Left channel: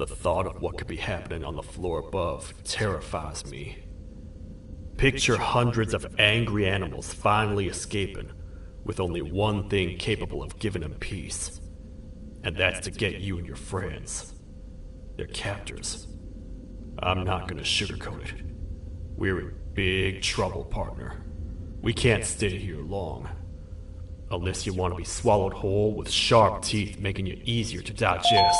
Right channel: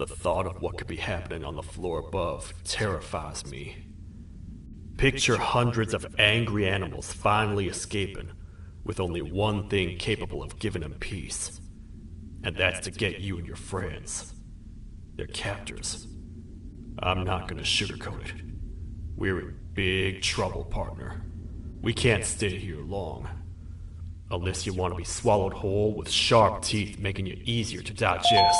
The thought of what could be happening on the floor above terrifies me. Picture hundreds of angry animals finally escaping, with only one thing capable of giving them peace. And that's to get you and your friends. Their captors. I'm not gonna sugarcoat it. We're in big trouble, partner. We can't stay here long. Unless you want to be swallowed whole with sharp teeth making you easier to digest.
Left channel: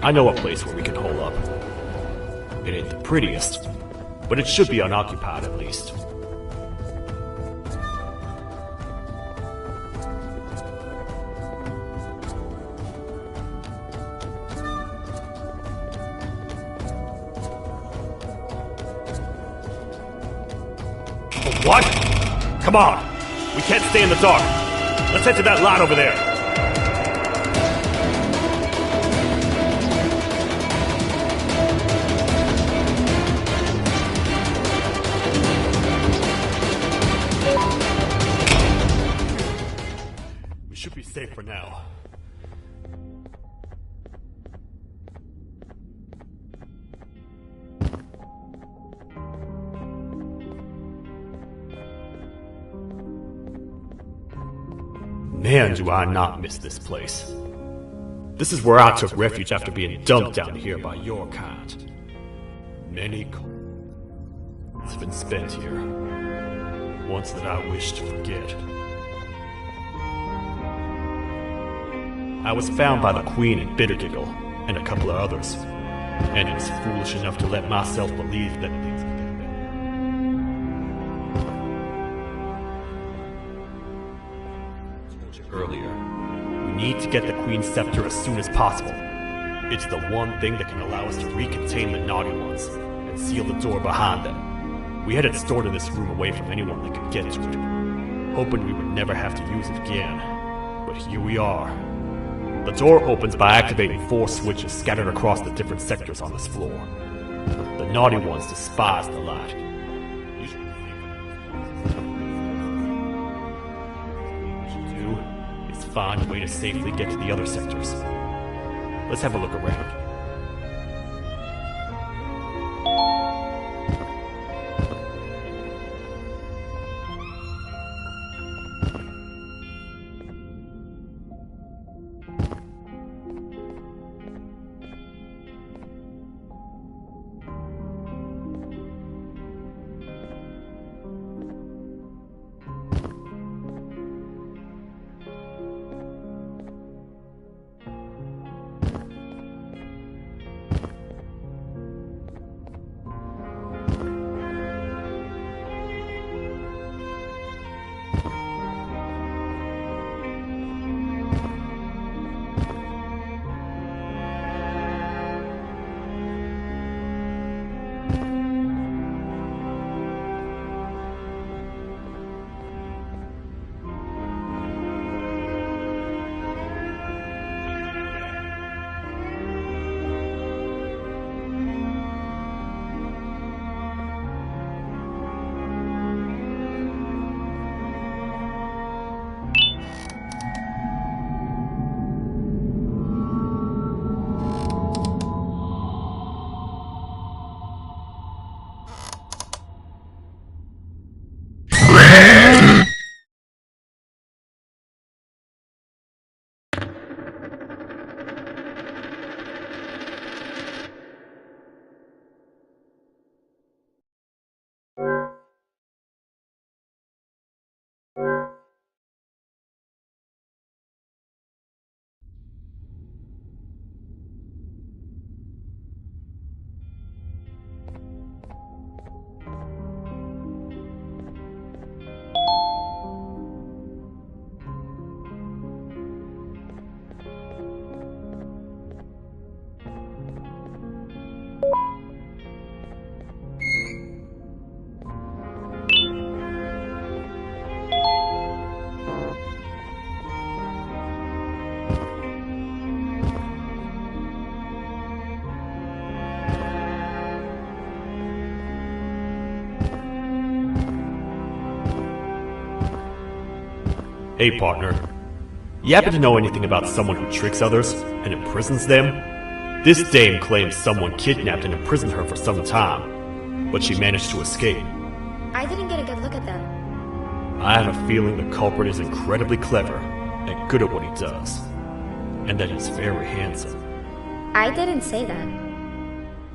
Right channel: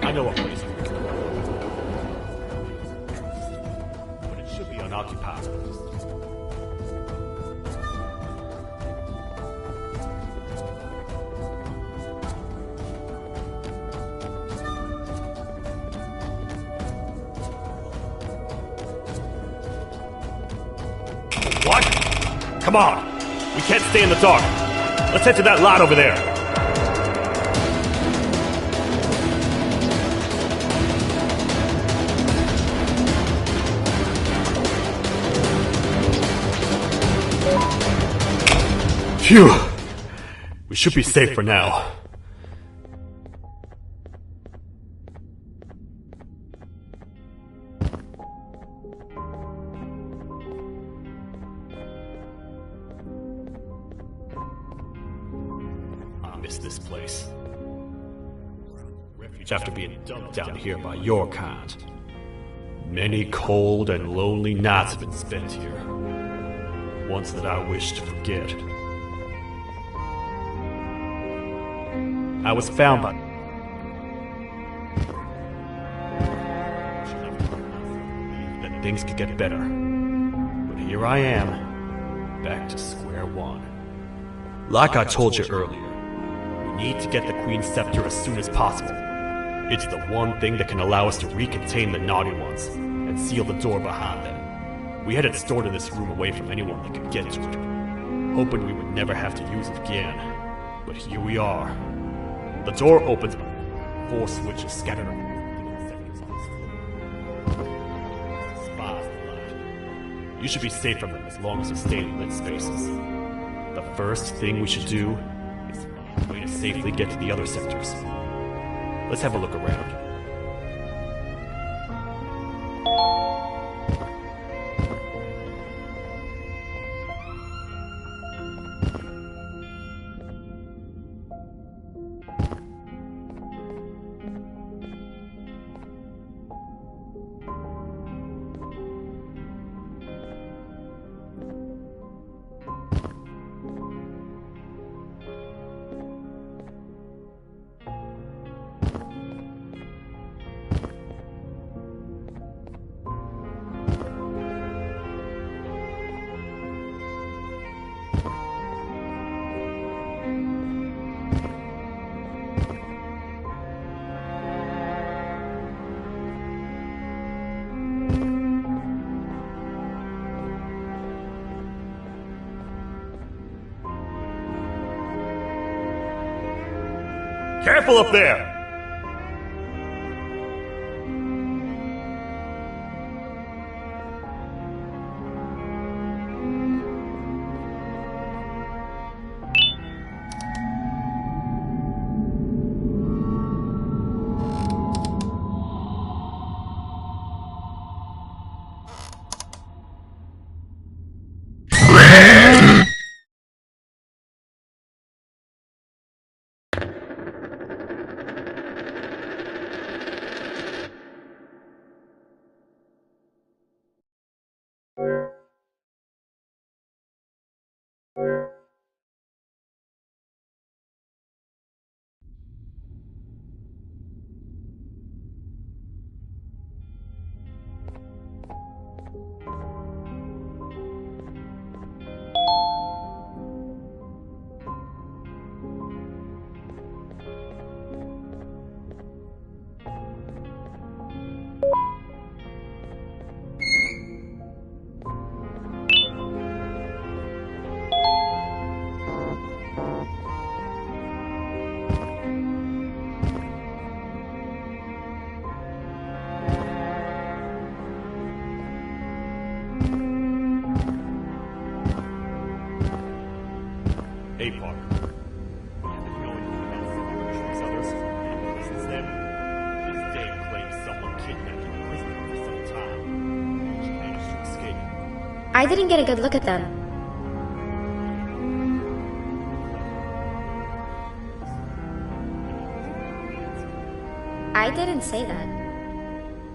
I know a place where we can hole up. It ain't the prettiest, but it should be unoccupied at least. What? Come on! We can't stay in the dark! Let's head to that lot over there! Phew! We should be safe for now. Man, do I not miss this place. This is where I took refuge after being dumped down here by your kind. Many cold and lonely nights have been spent here. Ones that I wish to forget. I was found by the Queen in Bittergiggle, and a couple of others, and was foolish enough to let myself believe that things could get better. And here I am, back to square one. Like I told you earlier, we need to get the Queen's scepter as soon as possible. It's the one thing that can allow us to recontain the naughty ones, and seal the door behind them. We had it stored in this room away from anyone that could get to it, hoping we would never have to use it again. But here we are. The door opens by activating 4 switches scattered across the different sectors on this floor. The naughty ones despise the light. You should be safe from them as long as you stay in lit spaces. The first thing we should do is find a way to safely get to the other sectors. Let's have a look around. Careful up there! Hey, partner. You happen to know anything about someone who tricks others and imprisons them? This dame claims someone kidnapped and imprisoned her for some time, but she managed to escape. I didn't get a good look at them. I have a feeling the culprit is incredibly clever and good at what he does, and that he's very handsome. I didn't say that.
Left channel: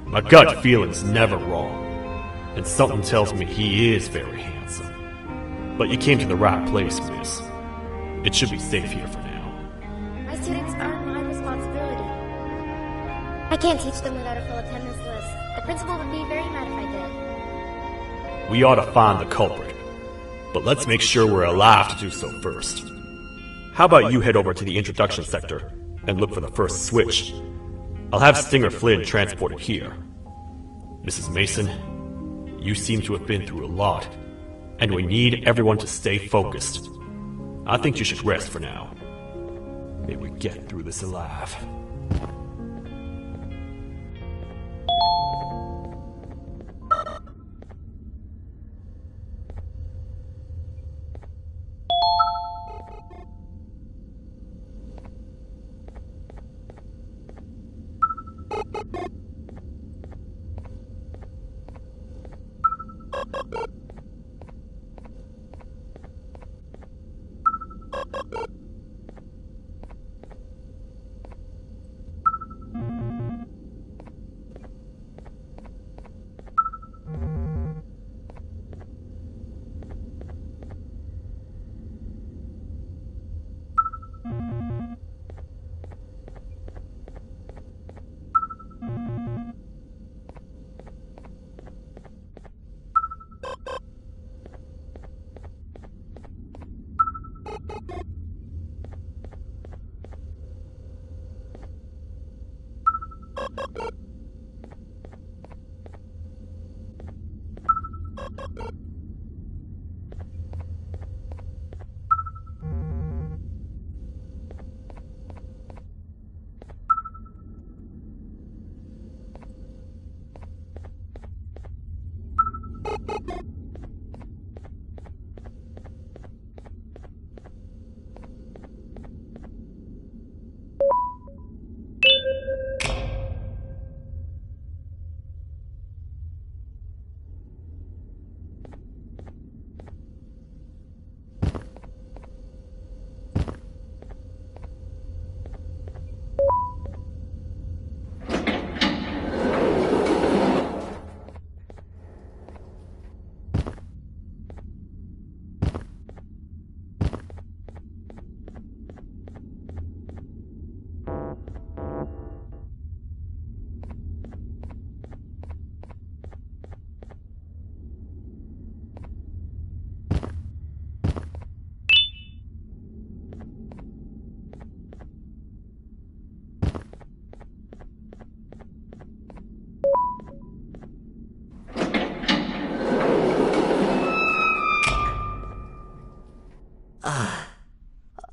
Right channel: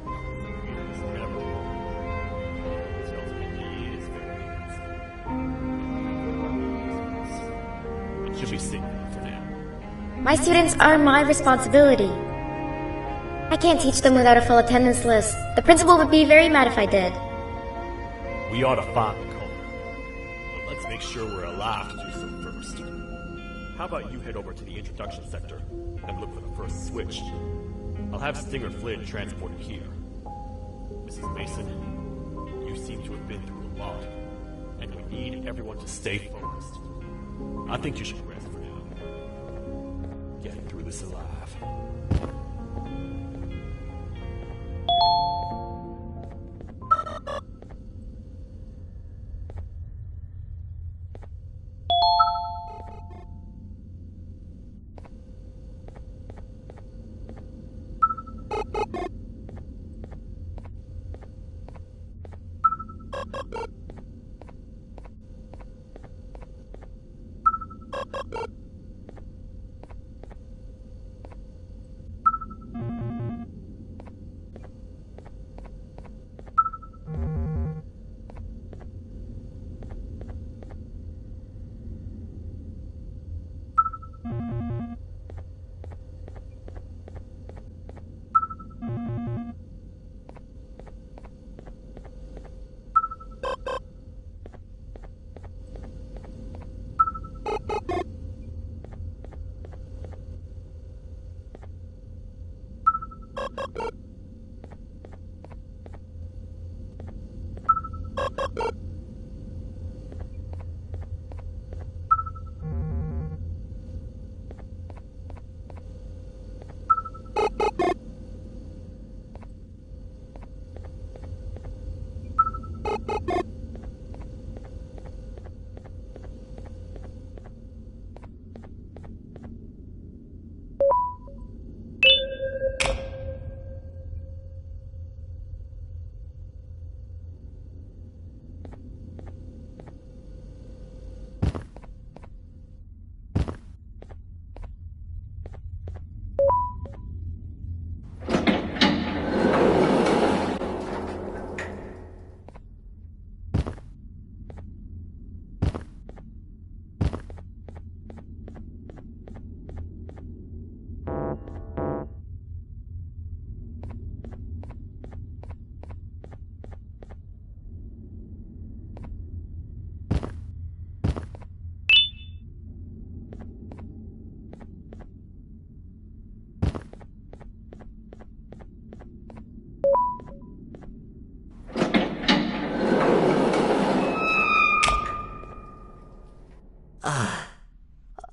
My gut feeling's never wrong, and something tells me he is very handsome. But you came to the right place, miss. It should be safe here for now. My students are my responsibility. I can't teach them without a full attendance list. The principal would be very mad if I did. We ought to find the culprit, but let's make sure we're alive to do so first. How about you head over to the introduction sector and look for the first switch? I'll have Stinger Flynn transported here. Mrs. Mason, you seem to have been through a lot, and we need everyone to stay focused. I think you should rest for now. May we get through this alive.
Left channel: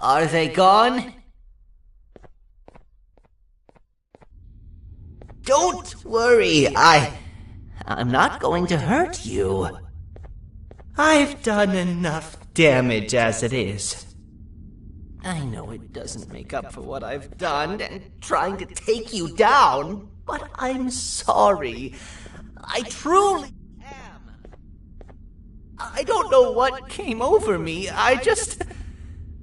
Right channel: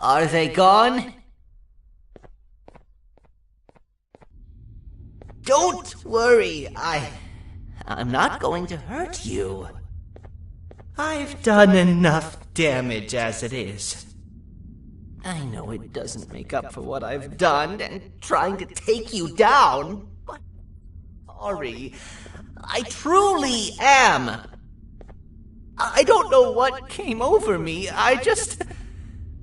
Are they gone? Don't worry, I'm not going to hurt you. I've done enough damage as it is. I know it doesn't make up for what I've done and trying to take you down, but I'm sorry. I truly am. I don't know what came over me. I just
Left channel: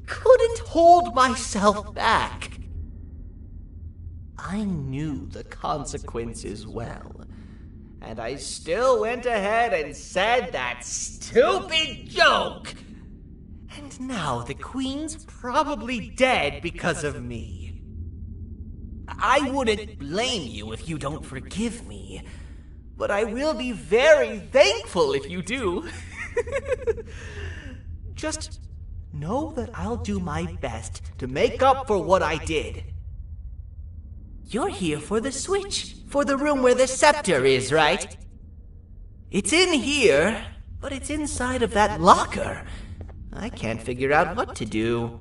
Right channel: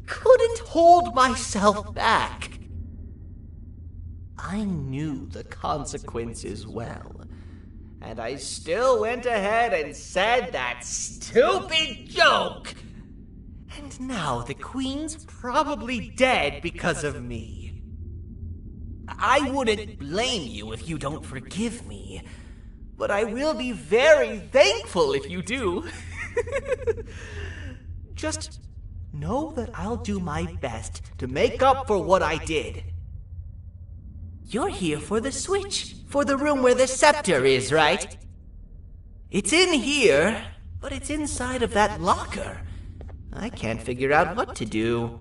couldn't hold myself back. I knew the consequences well, and I still went ahead and said that stupid joke. And now the Queen's probably dead because of me. I wouldn't blame you if you don't forgive me, but I will be very thankful if you do. Just know that I'll do my best to make up for what I did. You're here for the switch, for the room where the scepter is, right? It's in here, but it's inside of that locker. I can't figure out what to do.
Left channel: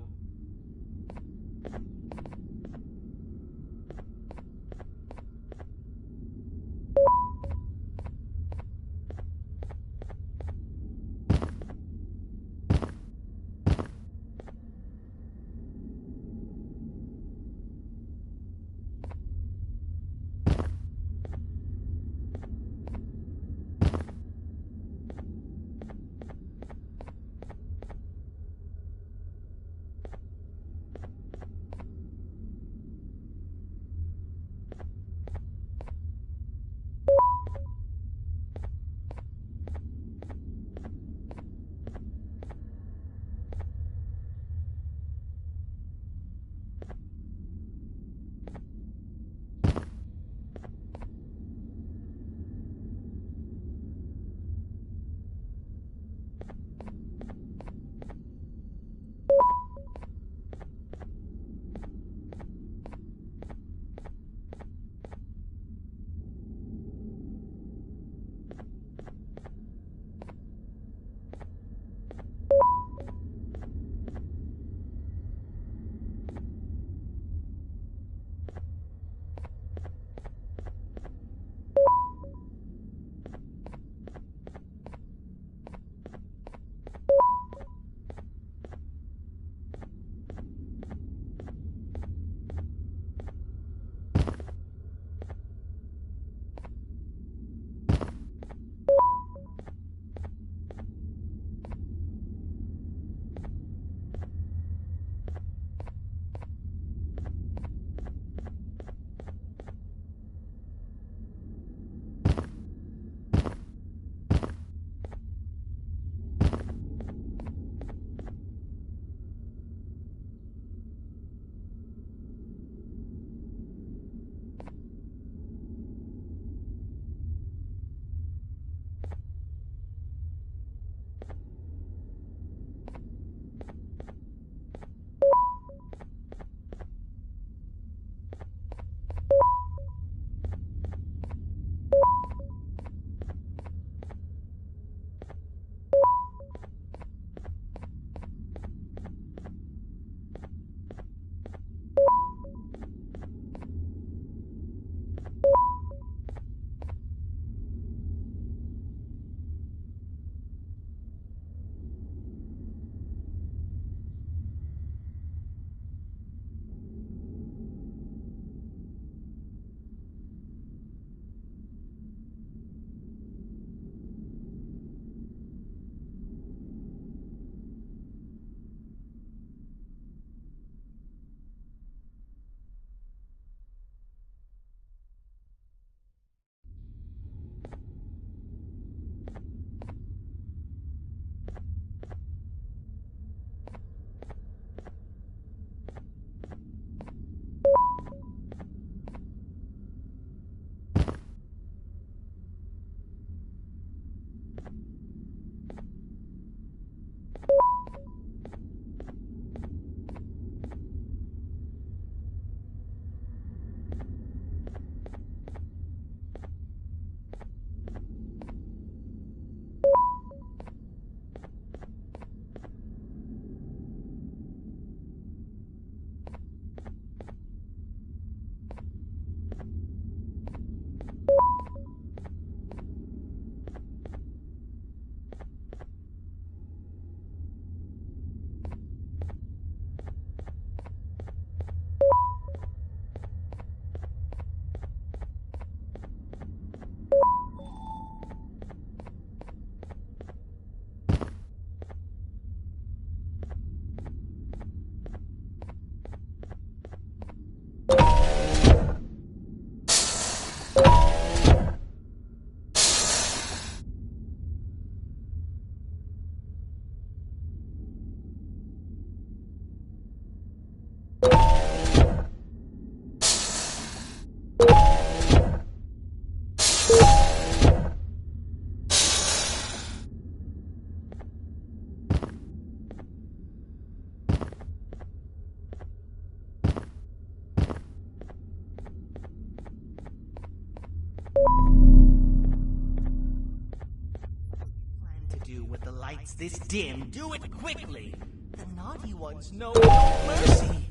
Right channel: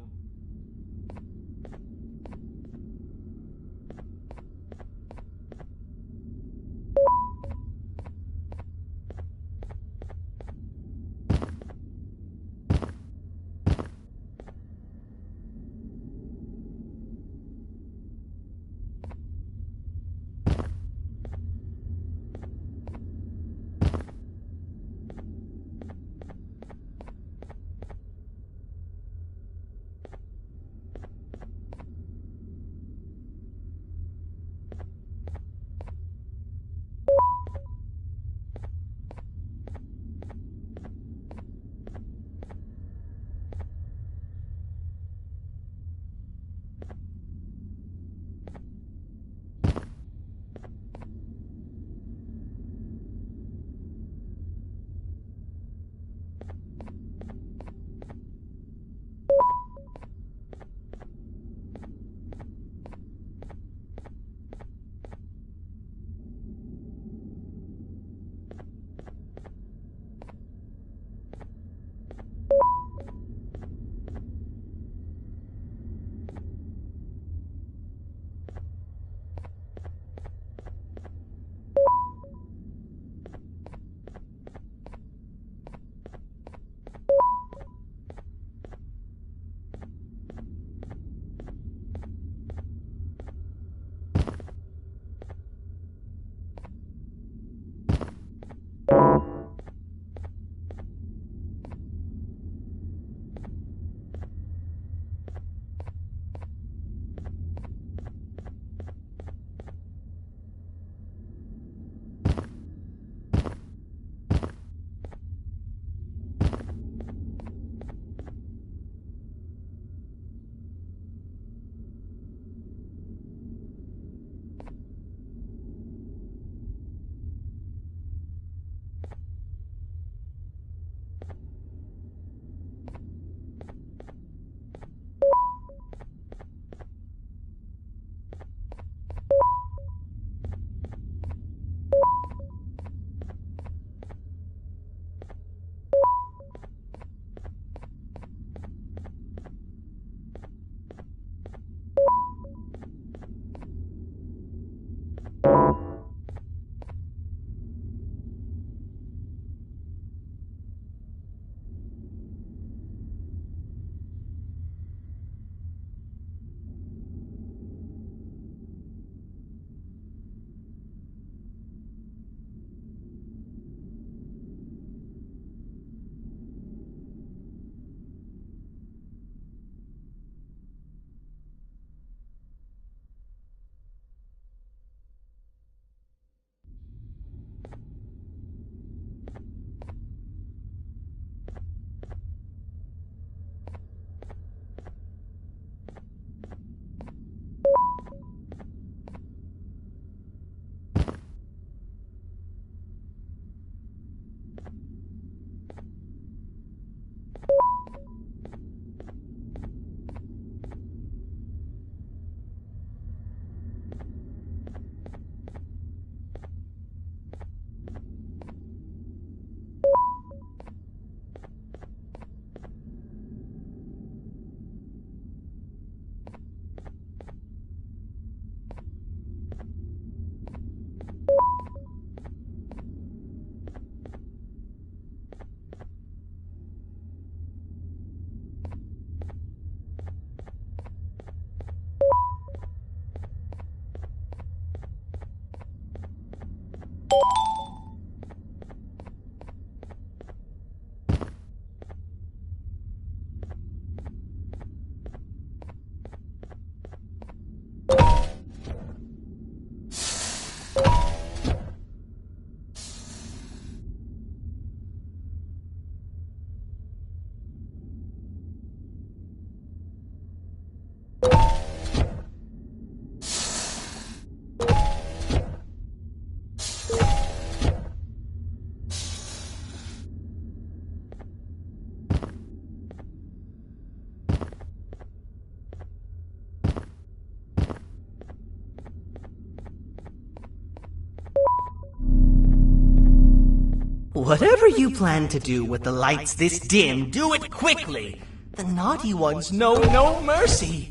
Whatever you plan to do with the lights this dim, do it quickly. The naughty ones know no mercy.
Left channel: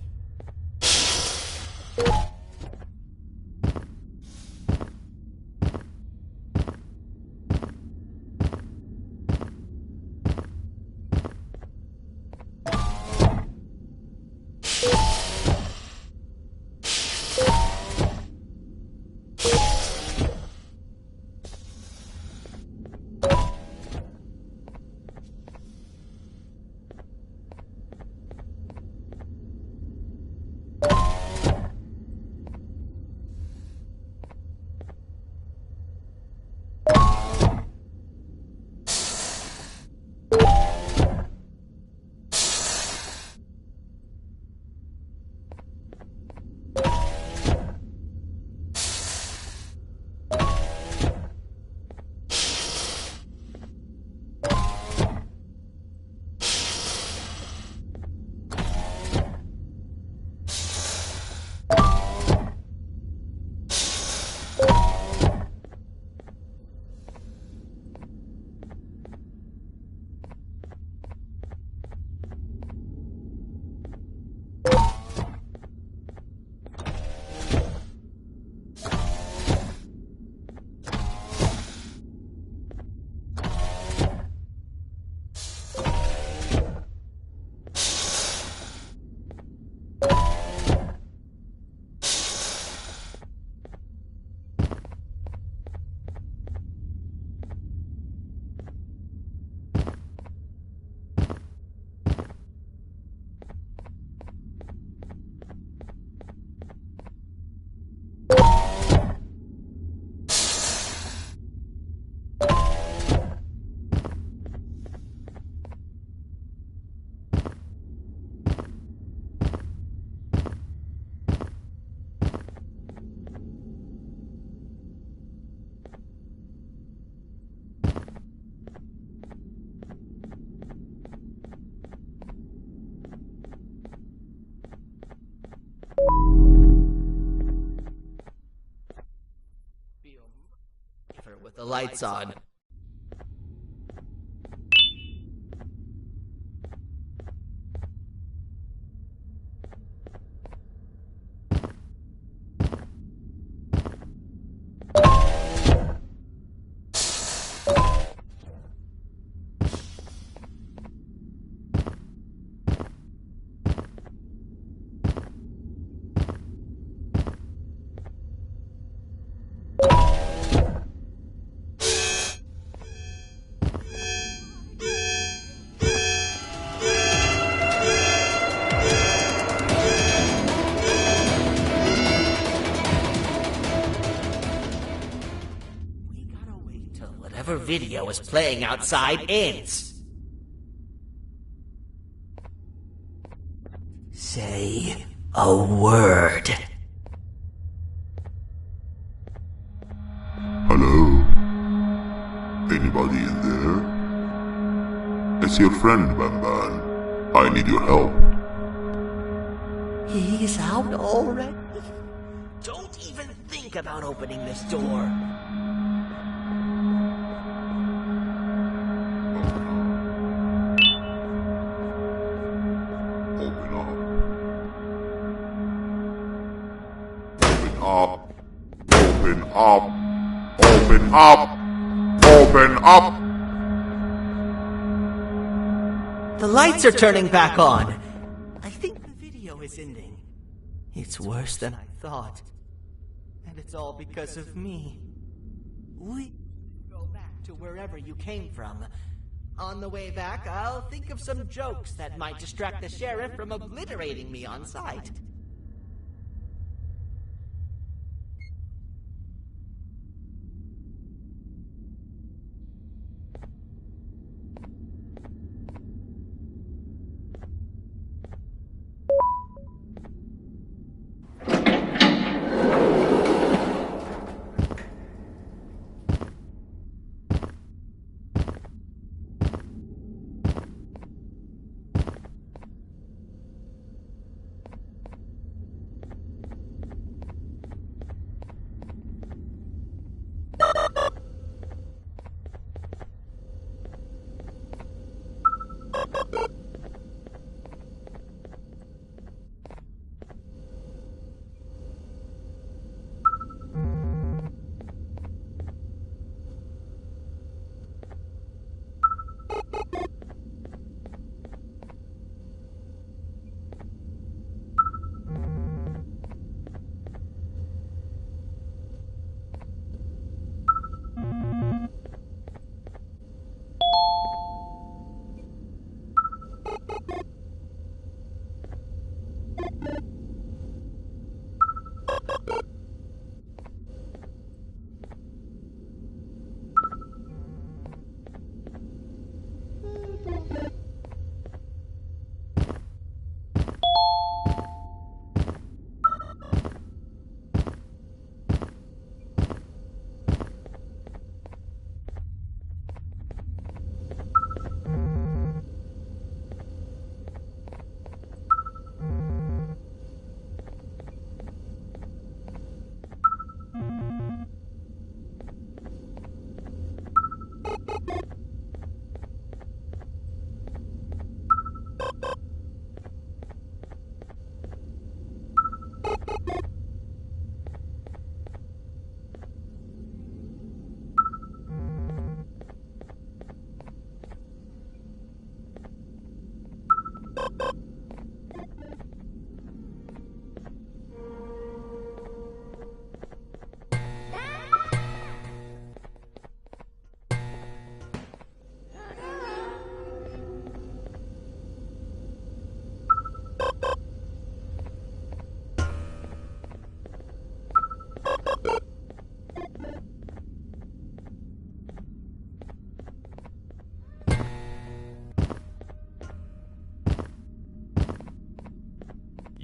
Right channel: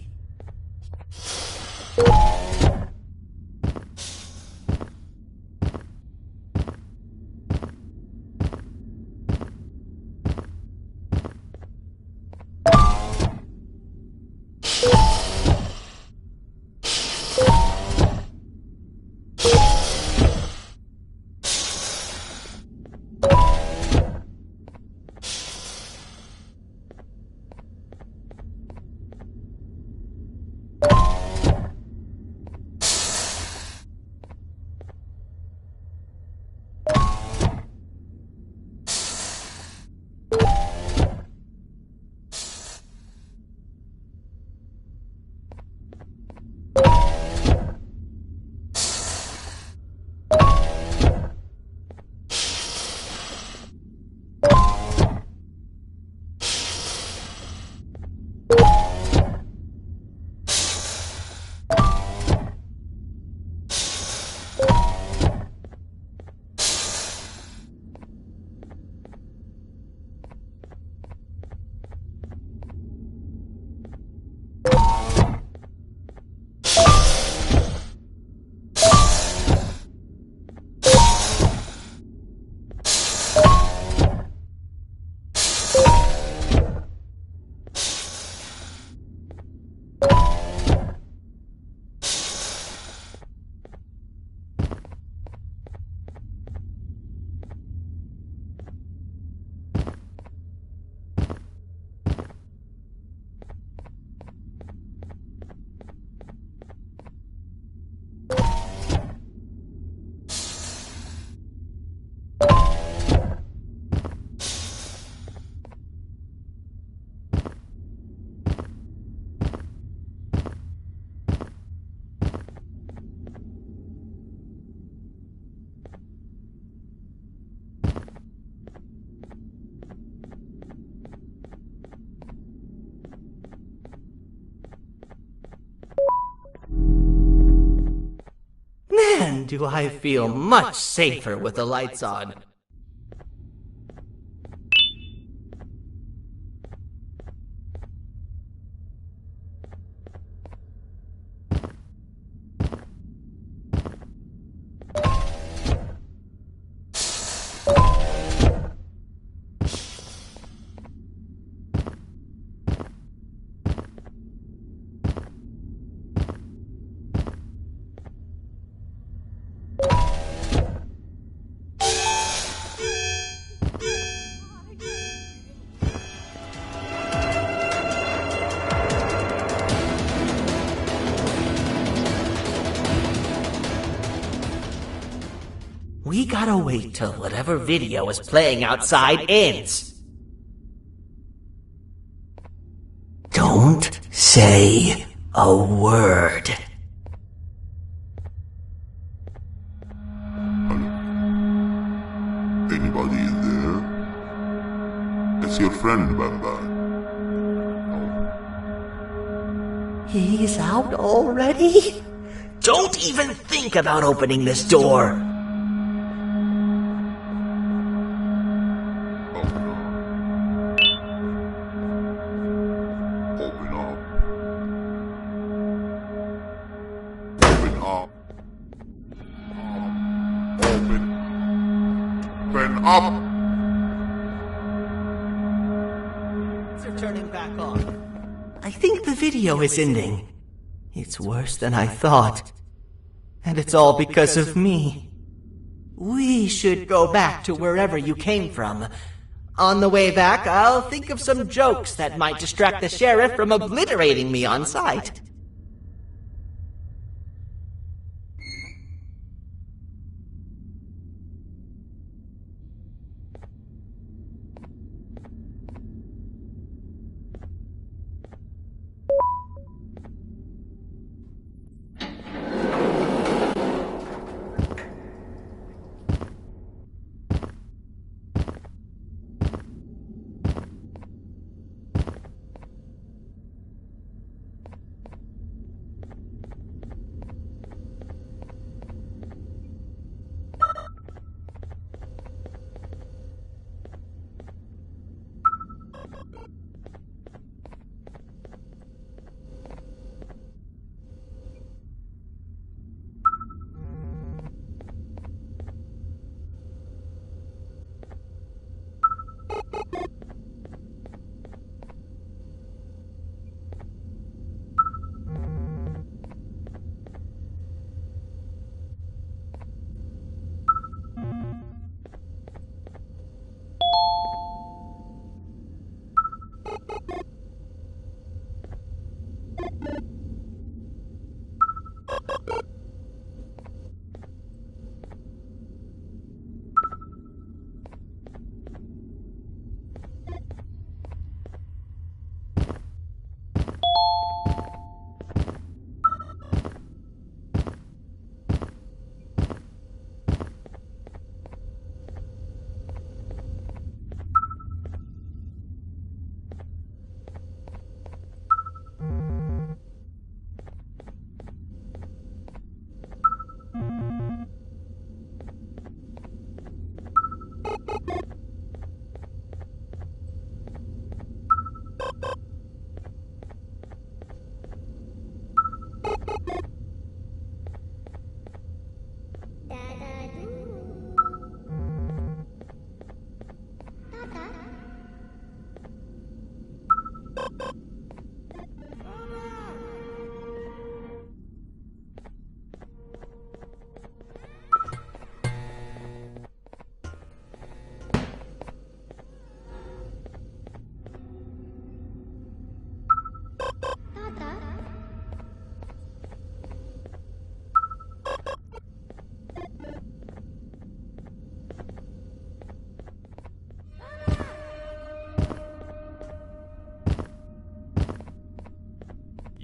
Man, do I feel much safer with the lights on. We gotta wait till whatever video is playing outside ends. Don't say a word. Hello? Anybody in there? It's your friend, Banban. I need your help. He's out already? Don't even think about opening this door. Open up! The lights are turning back on. I think the video is ending. It's worse than I thought. And it's all because of me. We should go back to wherever you came from. On the way back, I'll think of some jokes that might distract the sheriff from obliterating me on sight.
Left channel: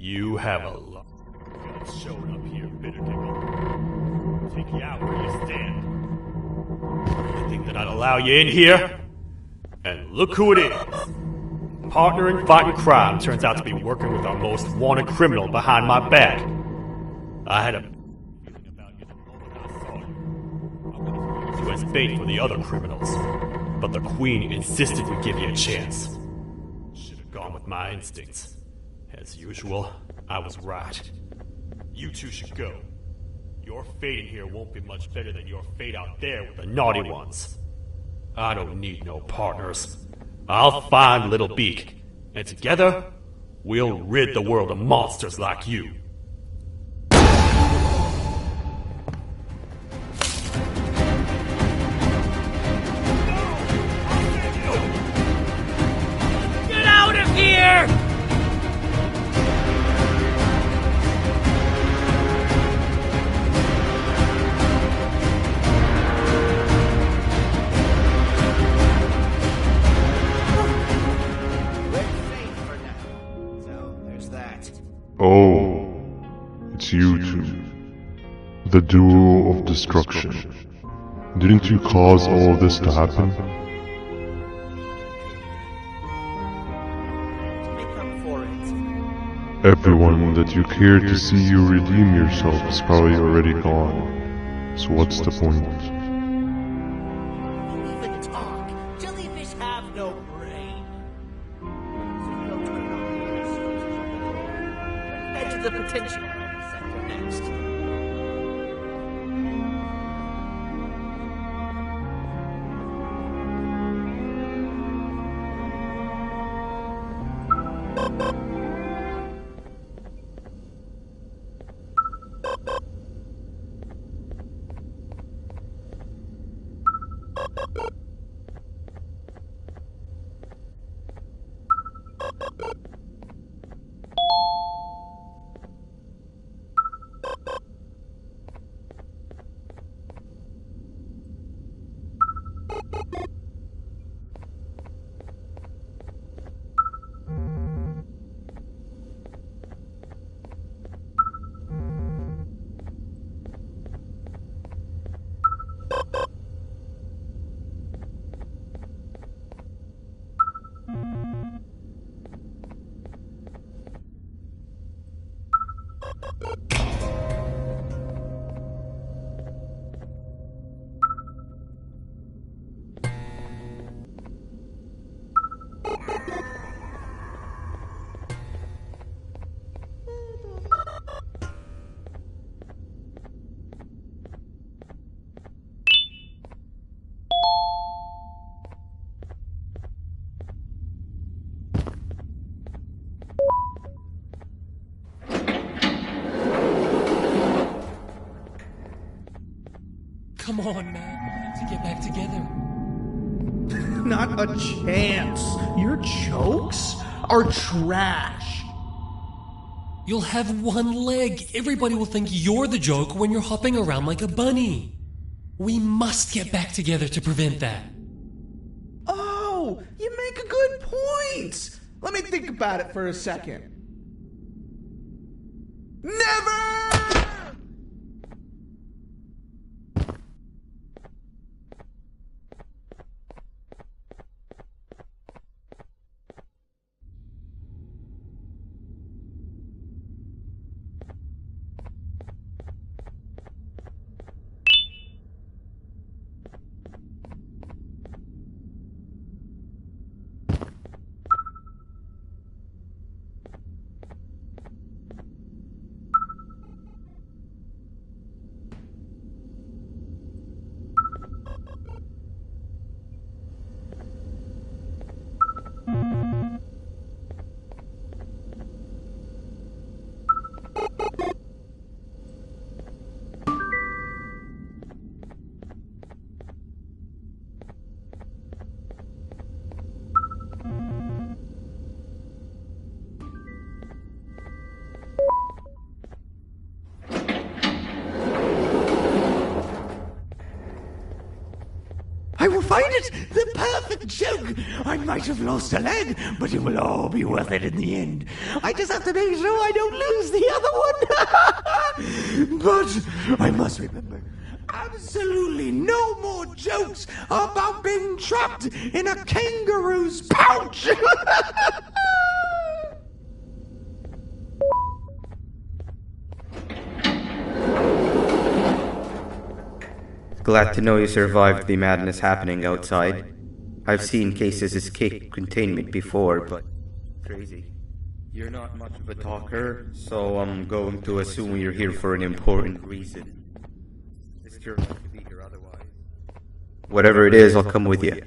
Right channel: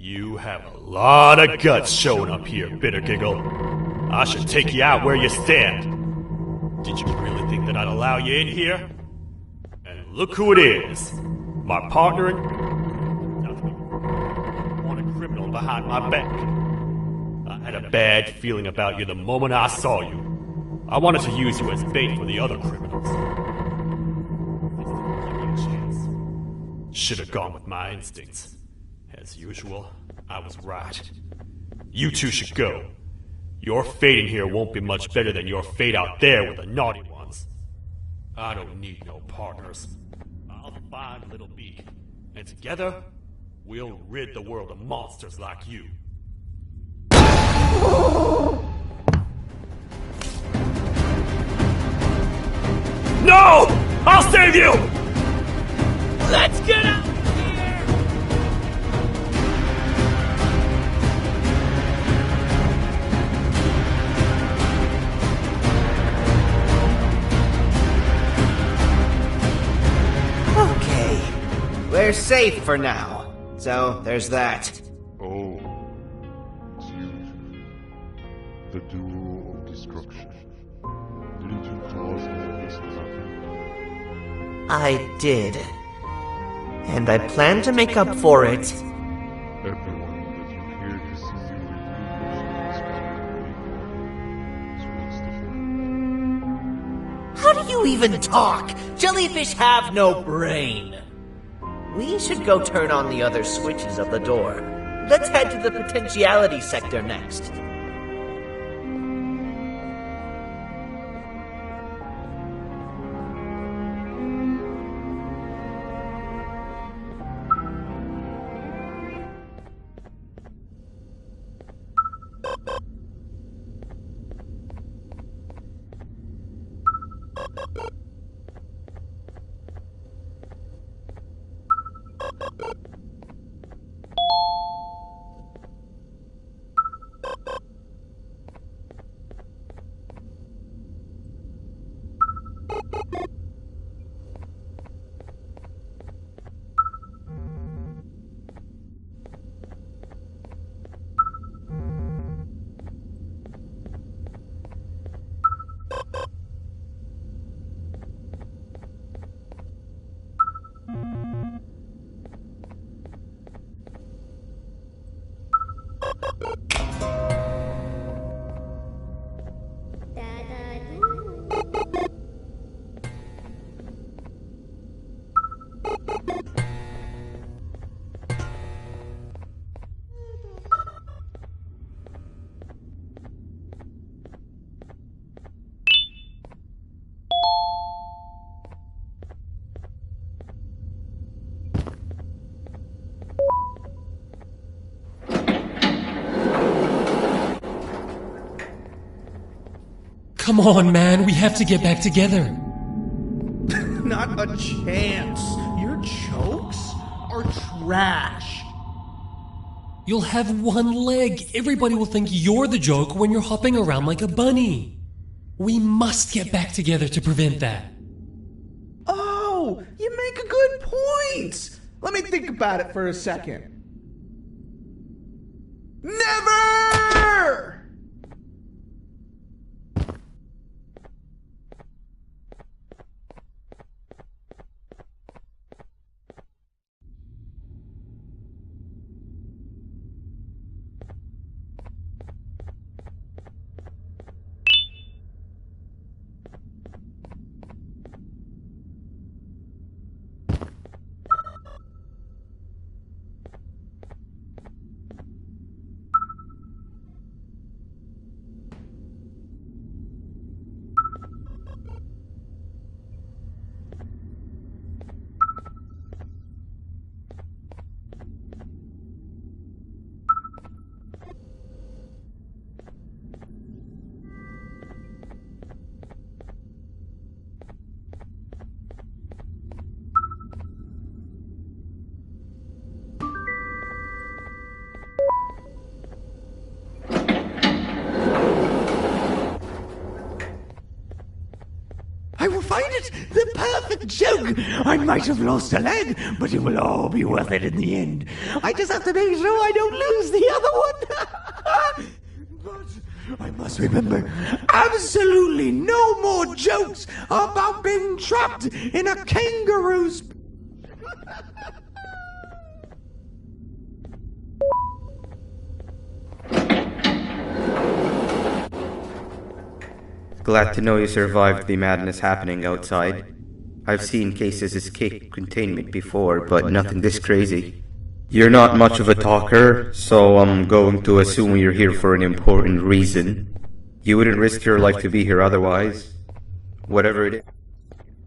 You have a lot of guts showing up here, Bitter Giggle. I should take you out where you stand. Did you really think that I'd allow you in here? And look who it is. My partner in fighting crime turns out to be working with our most wanted criminal behind my back. I had a bad feeling about you the moment I saw you. I wanted to use you as bait for the other criminals, but the Queen insisted we give you a chance. Should have gone with my instincts. As usual, I was right. You two should go. Your fate in here won't be much better than your fate out there with the naughty ones. I don't need no partners. I'll find Little Beak, and together, we'll rid the world of monsters like you. No! I'll save you! Let's get out of here! We're safe for now, so there's that. Oh, it's you two. The duo of destruction. Didn't you cause all of this to happen? I did. And I plan to make up for it. Everyone that you cared to see you redeem yourself is probably already gone. So what's the point? How do you even talk? Jellyfish have no brain. We should go turn on the other switches of the door. Let's head to the potentiality sector next. Come on, man, we have to get back together. Not a chance. Your jokes are trash. You'll have one leg. Everybody will think you're the joke when you're hopping around like a bunny. We must get back together to prevent that. Oh, you make a good point. Let me think about it for a second. Never! I will find it! The perfect joke! I might have lost a leg, but it will all be worth it in the end. I just have to make sure I don't lose the other one! But I must remember, absolutely no more jokes about being trapped in a kangaroo's pouch! Glad to know you survived the madness happening outside. I've seen cases escape containment before, but nothing this crazy. You're not much of a talker, so I'm going to assume you're here for an important reason. You wouldn't risk your life to be here otherwise. Whatever it is, I'll come with you.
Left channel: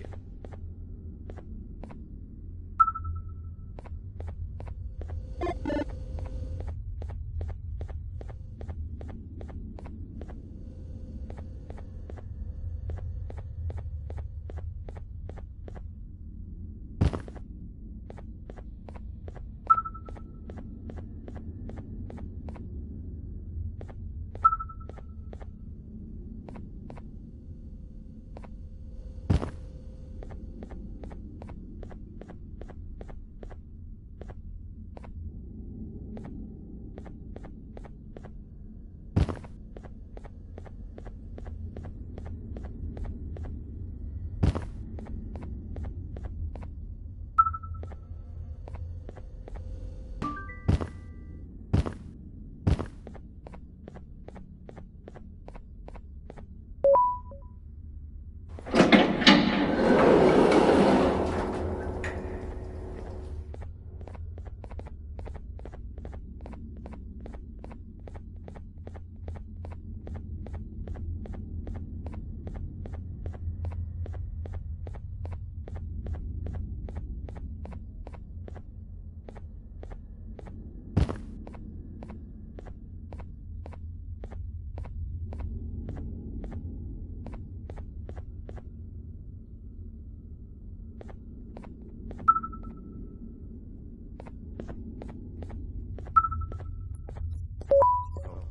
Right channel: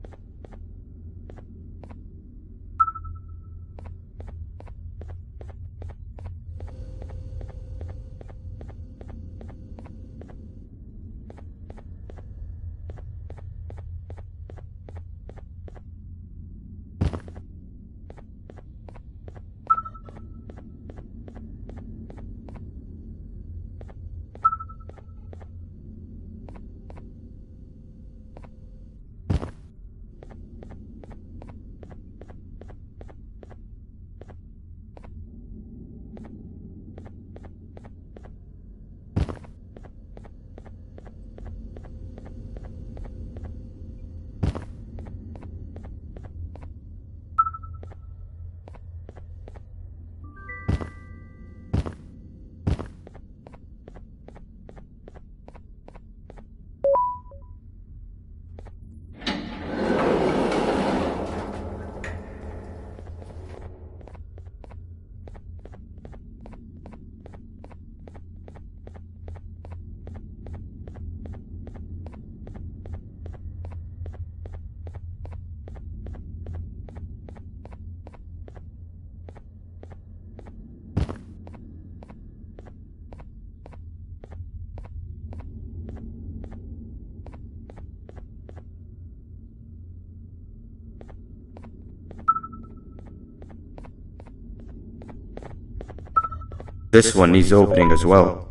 This one needs opening as well.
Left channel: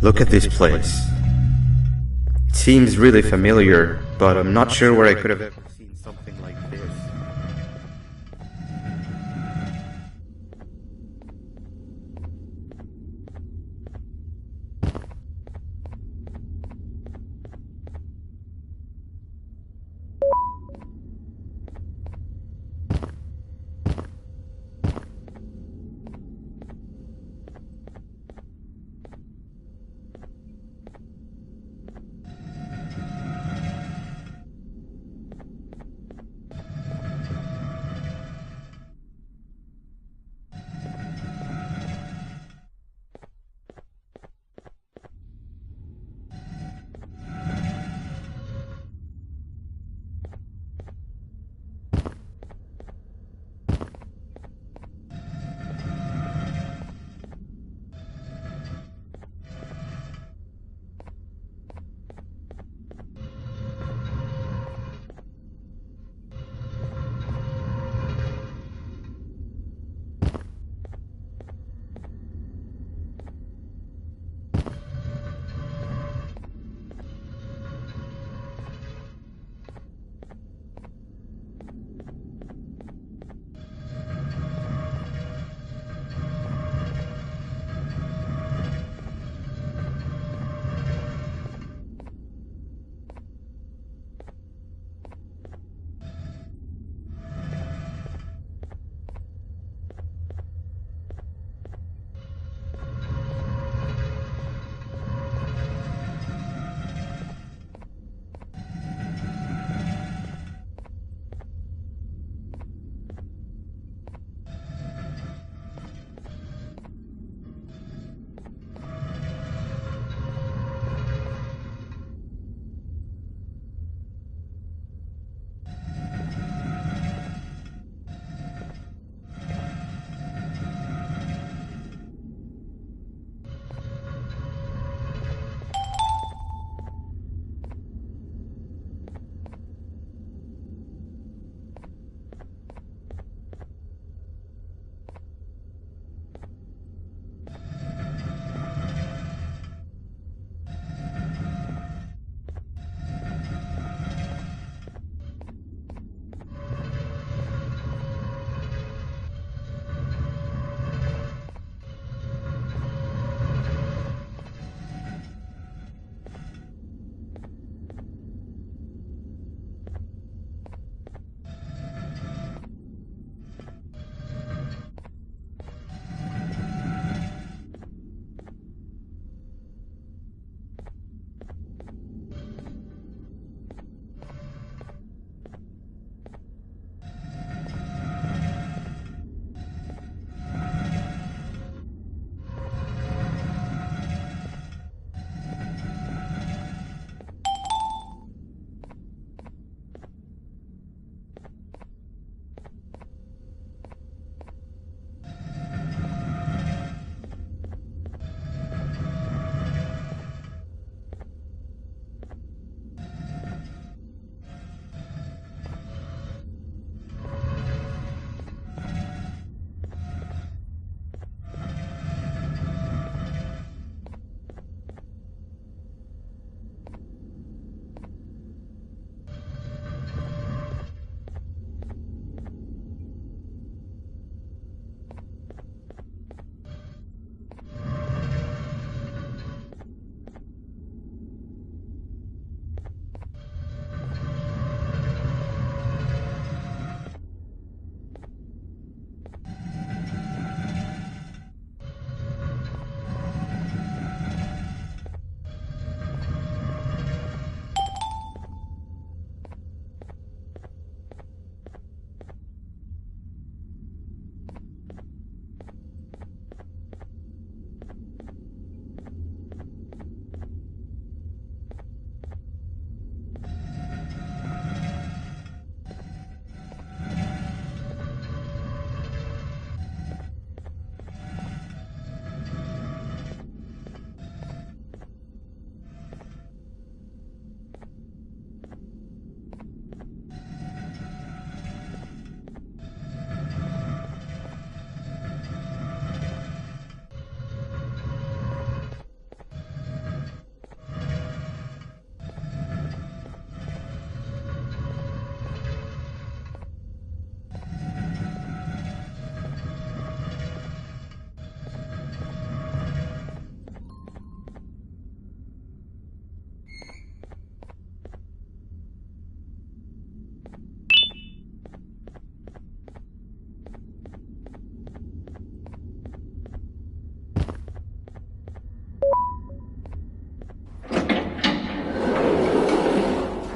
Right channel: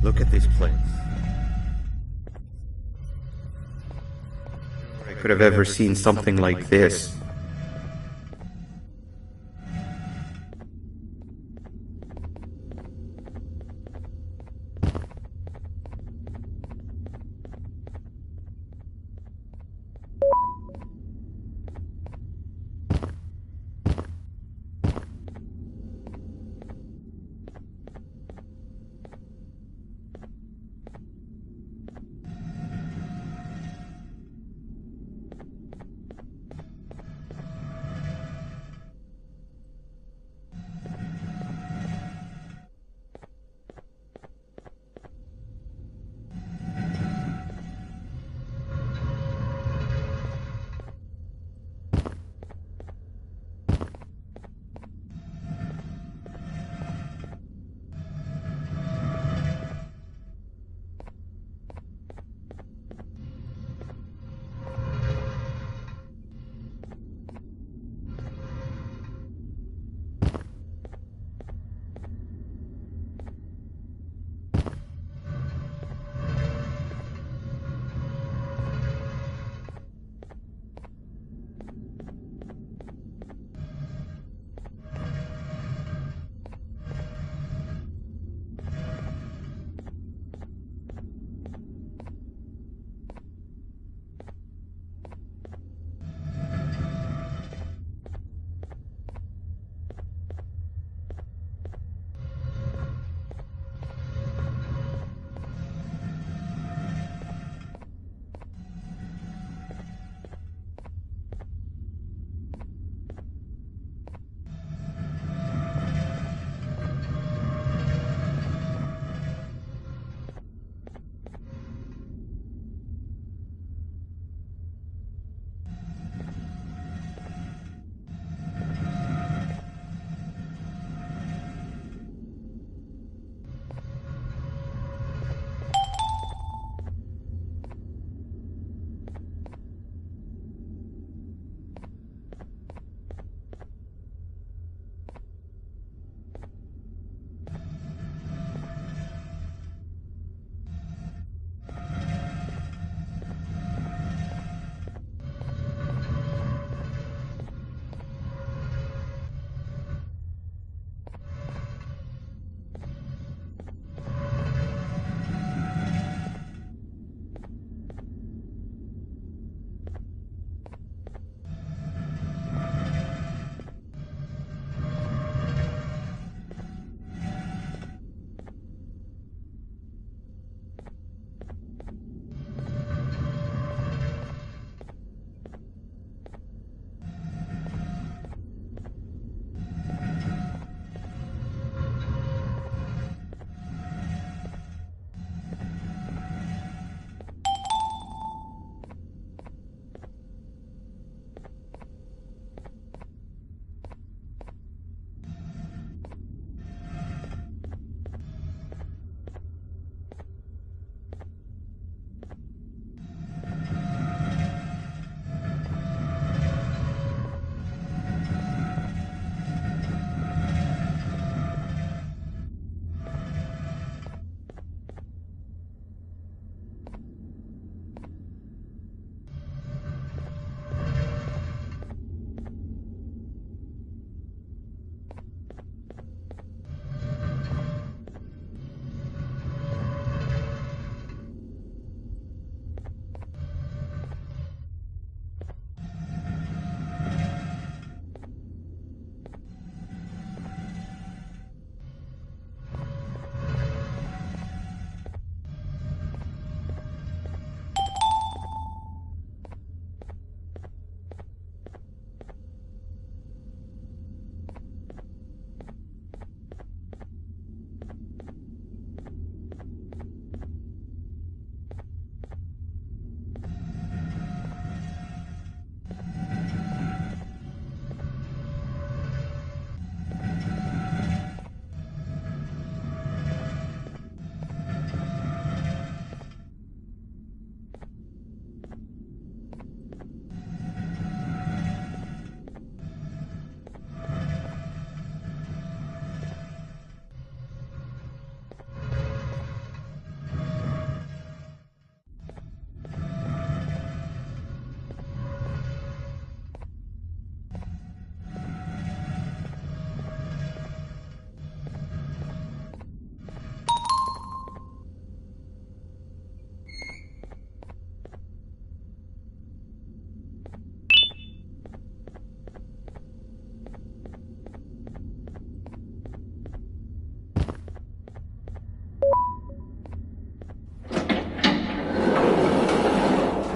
Look at this place. It seems really familiar, but I'm not sure where I could have ever seen something like this.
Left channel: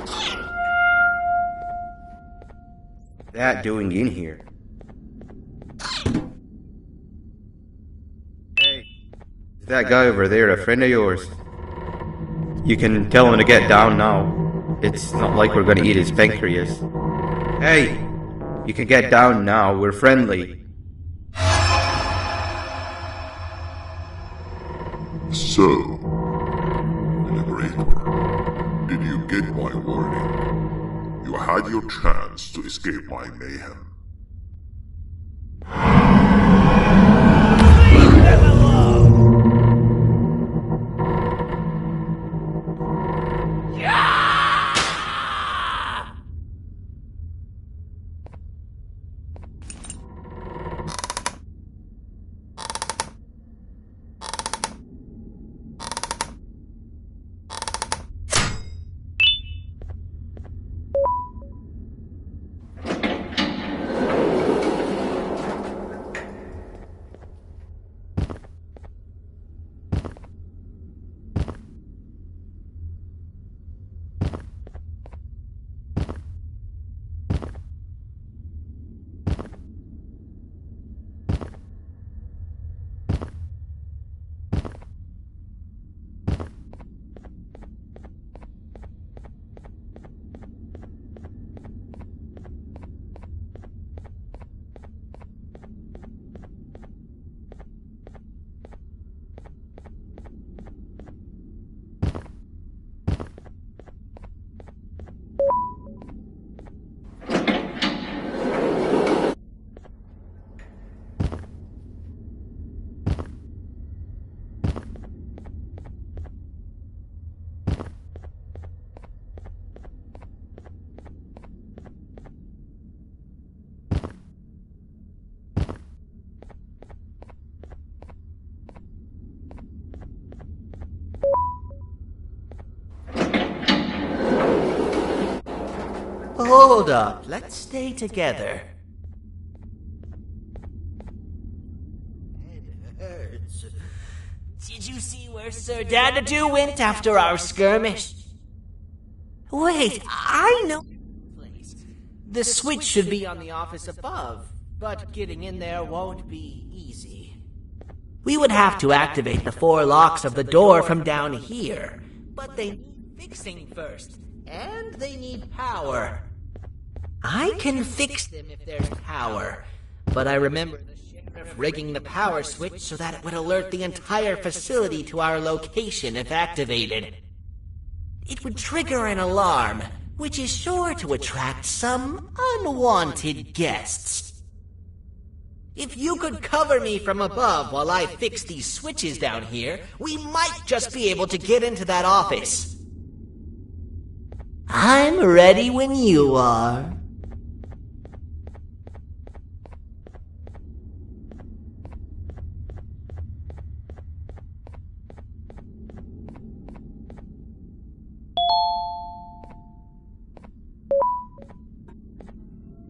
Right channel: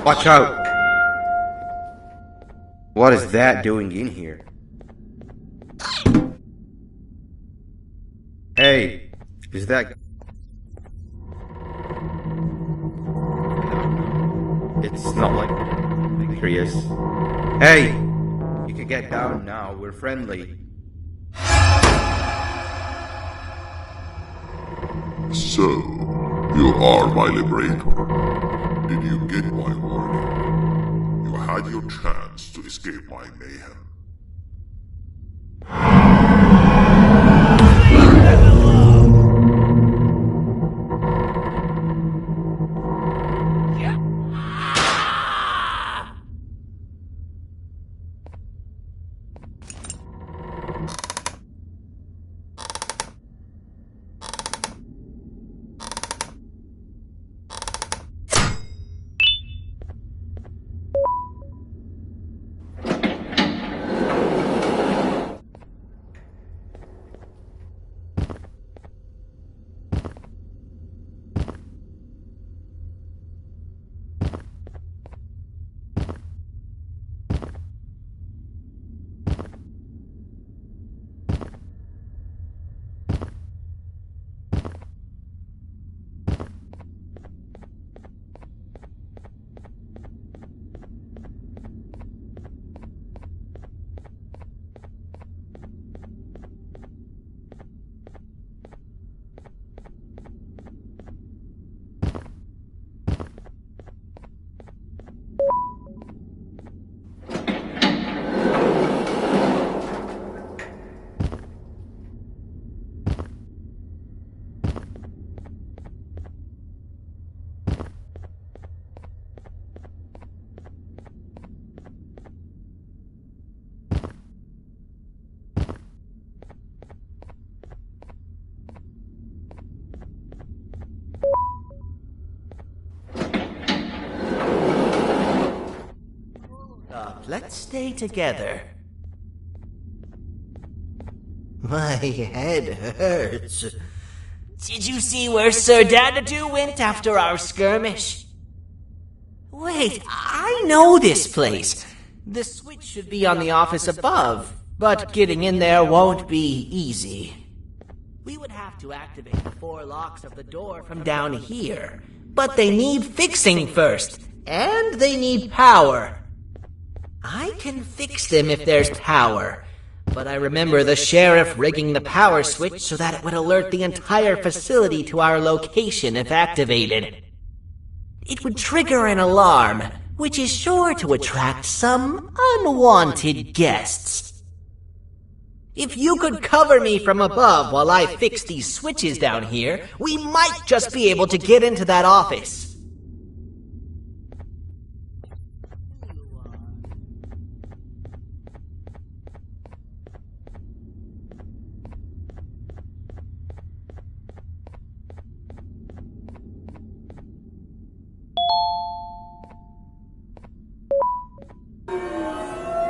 Watch out! What is that doing in here? Hey, is that guy over there a friend of yours? You can tell him to get down now. It's not like we're gonna eat his pancreas. Hey! You can get down now, we're friendly. So, you are my liberator. Did you get my warning? You had your chance to escape my mayhem. Hold up, let's stay together. My head hurts. Did you see where Sir Dadadoo went after our skirmish? Wait, I know this place. The switch should be on the office above, but getting in there won't be easy. We would have to activate the 4 locks of the door from down here, but they need fixing first, and they need power. I can fix them if there's power, but I remember the sheriff rigging the power switch so that it would alert the entire facility to our location if activated. It would trigger an alarm, which is sure to attract some unwanted guests. If you could cover me from above while I fix these switches down here, we might just be able to get into that office. I'm ready when you are.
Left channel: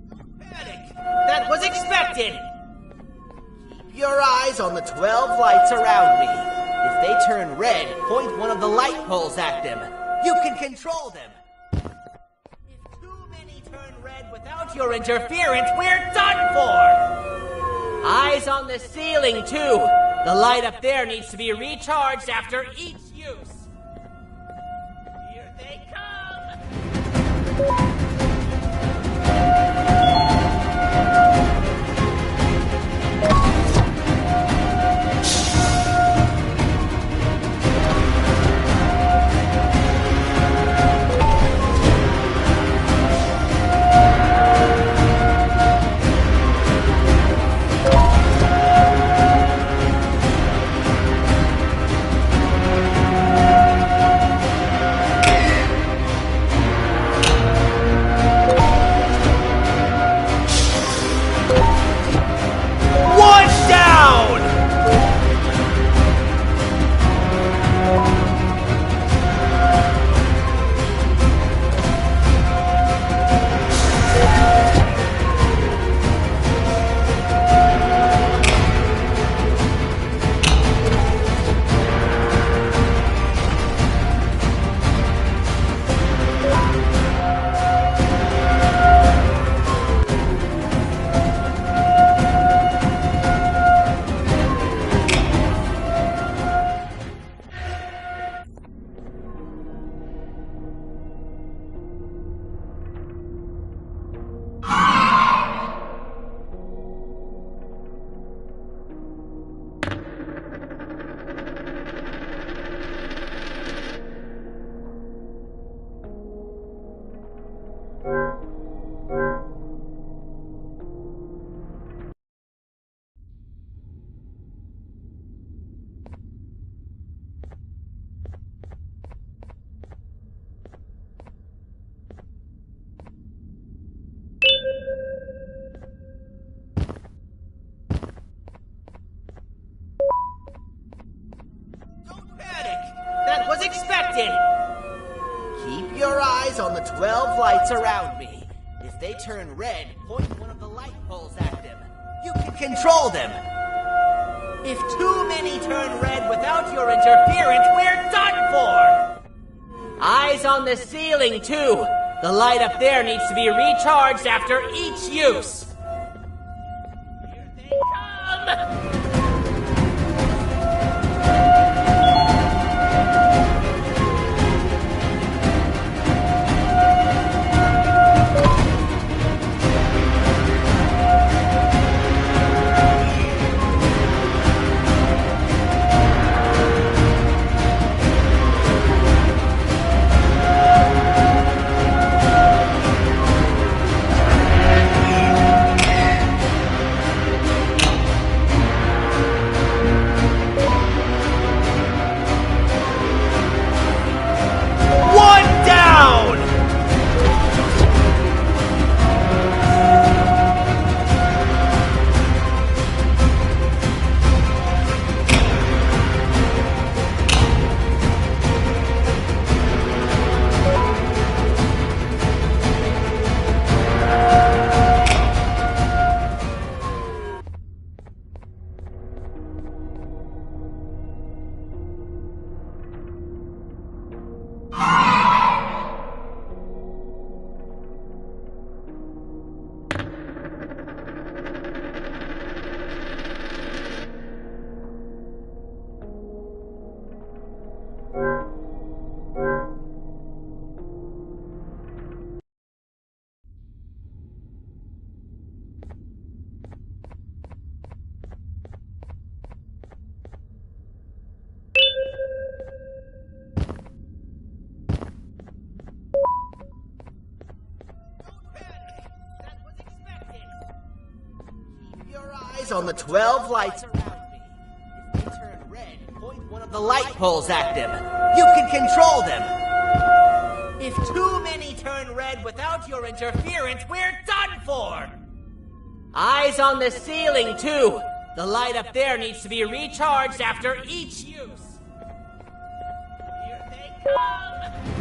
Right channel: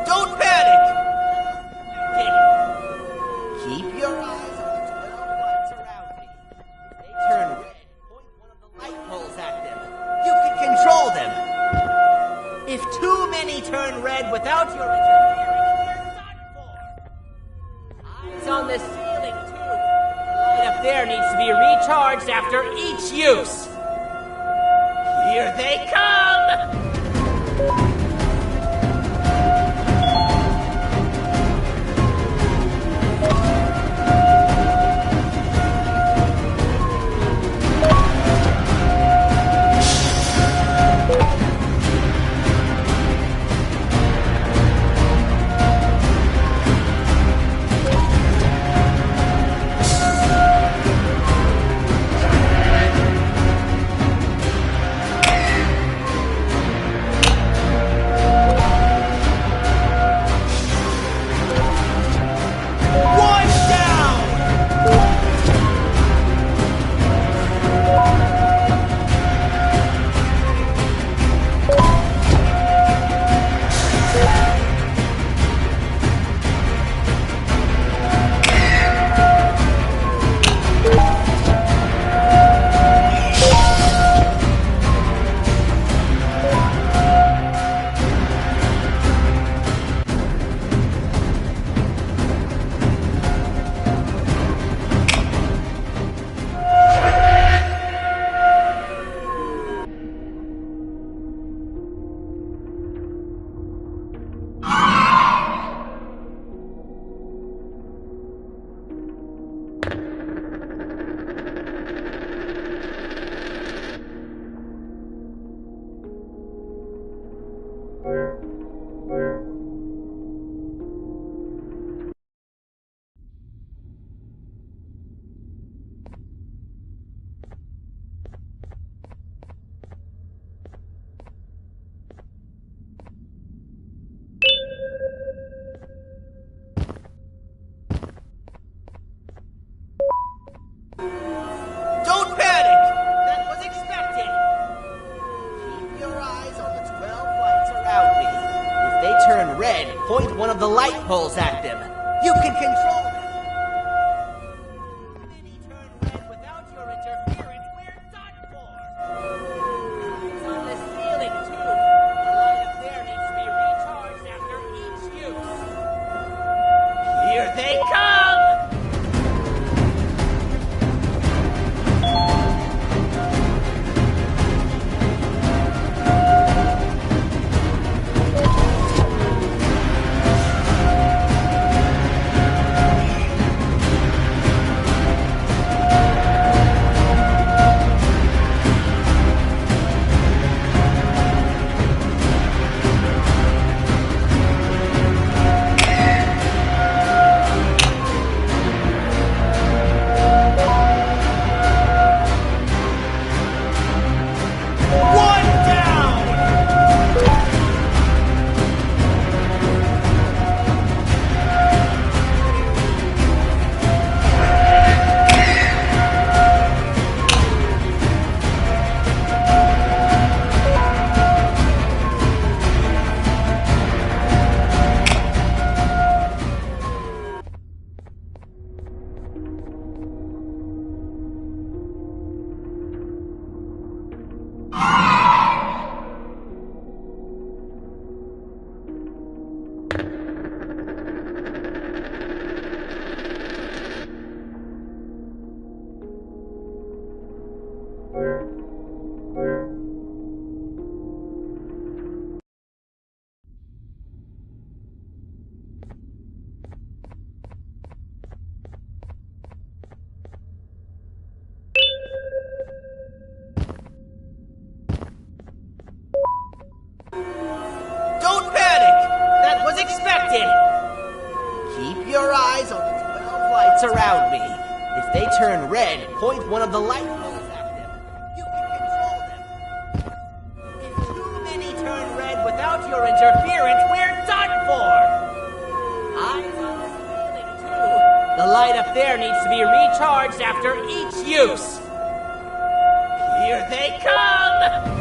Don't panic! That was expected! Keep your eyes on the 12 lights around me. If they turn red, point one of the light poles at them. You can control them. If too many turn red without your interference, we're done for! Eyes on the ceiling, too. The light up there needs to be recharged after each use. Here they come! Don't panic! That was expected! Keep your eyes on the 12 lights around me. If they turn red, point one of the light poles at them. You can control them. If too many turn red without your interference, we're done for! Eyes on the ceiling, too. The light up there needs to be recharged after each use. Here they come! Don't panic! That was expected! Keep your eyes on the 12 lights around me. If they turn red, point one of the light poles at them. You can control them. If too many turn red without your interference, we're done for! Eyes on the ceiling, too. The light up there needs to be recharged after each use. Here they come!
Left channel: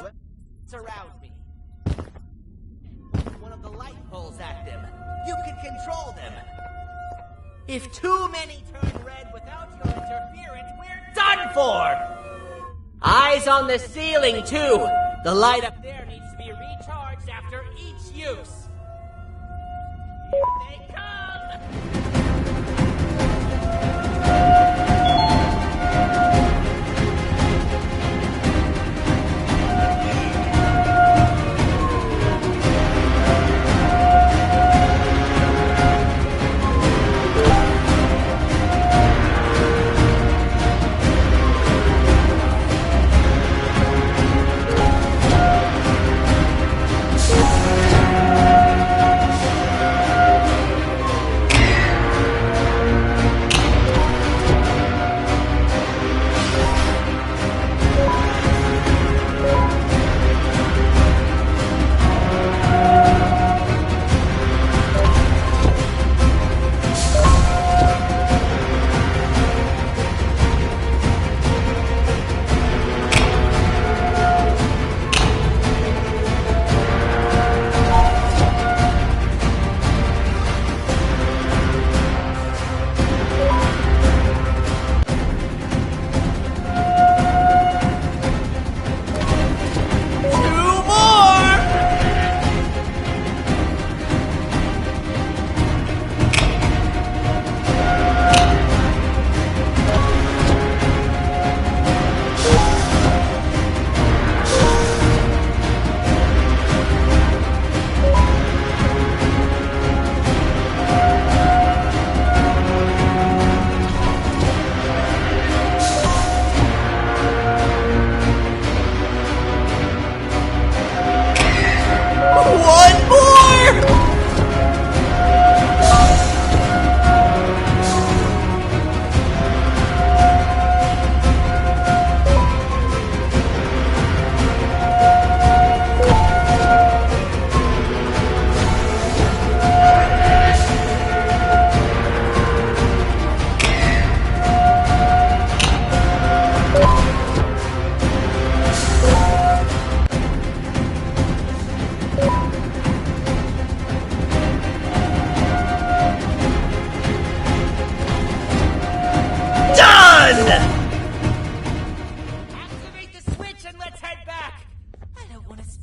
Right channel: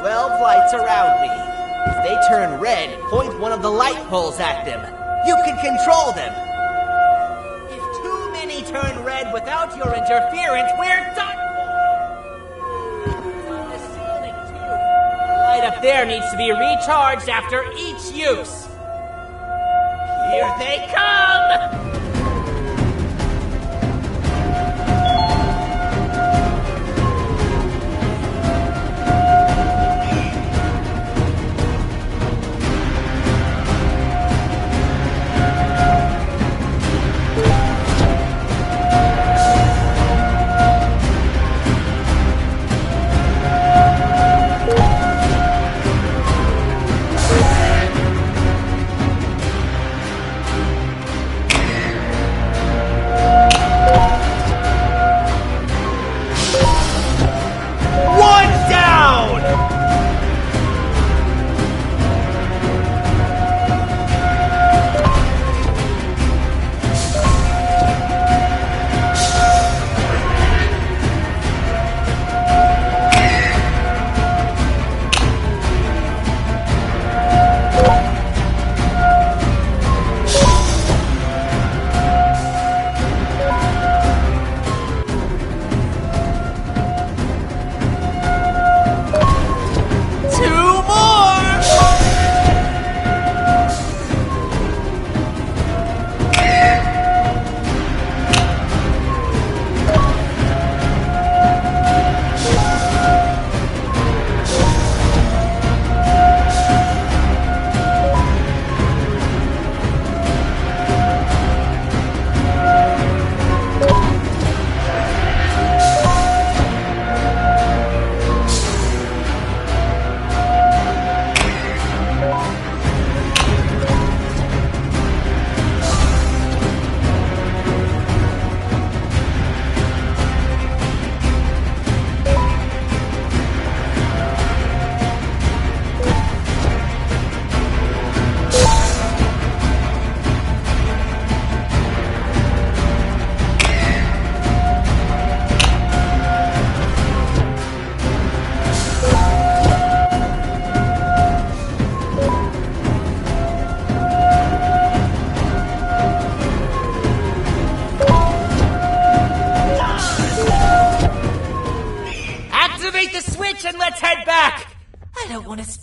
12 lights around me. If they turn red, point one of the light poles at them. You can control them. If too many turn red without your interference, we're done for! Eyes on the ceiling, too. The light up there needs to be recharged after each use. Here they come!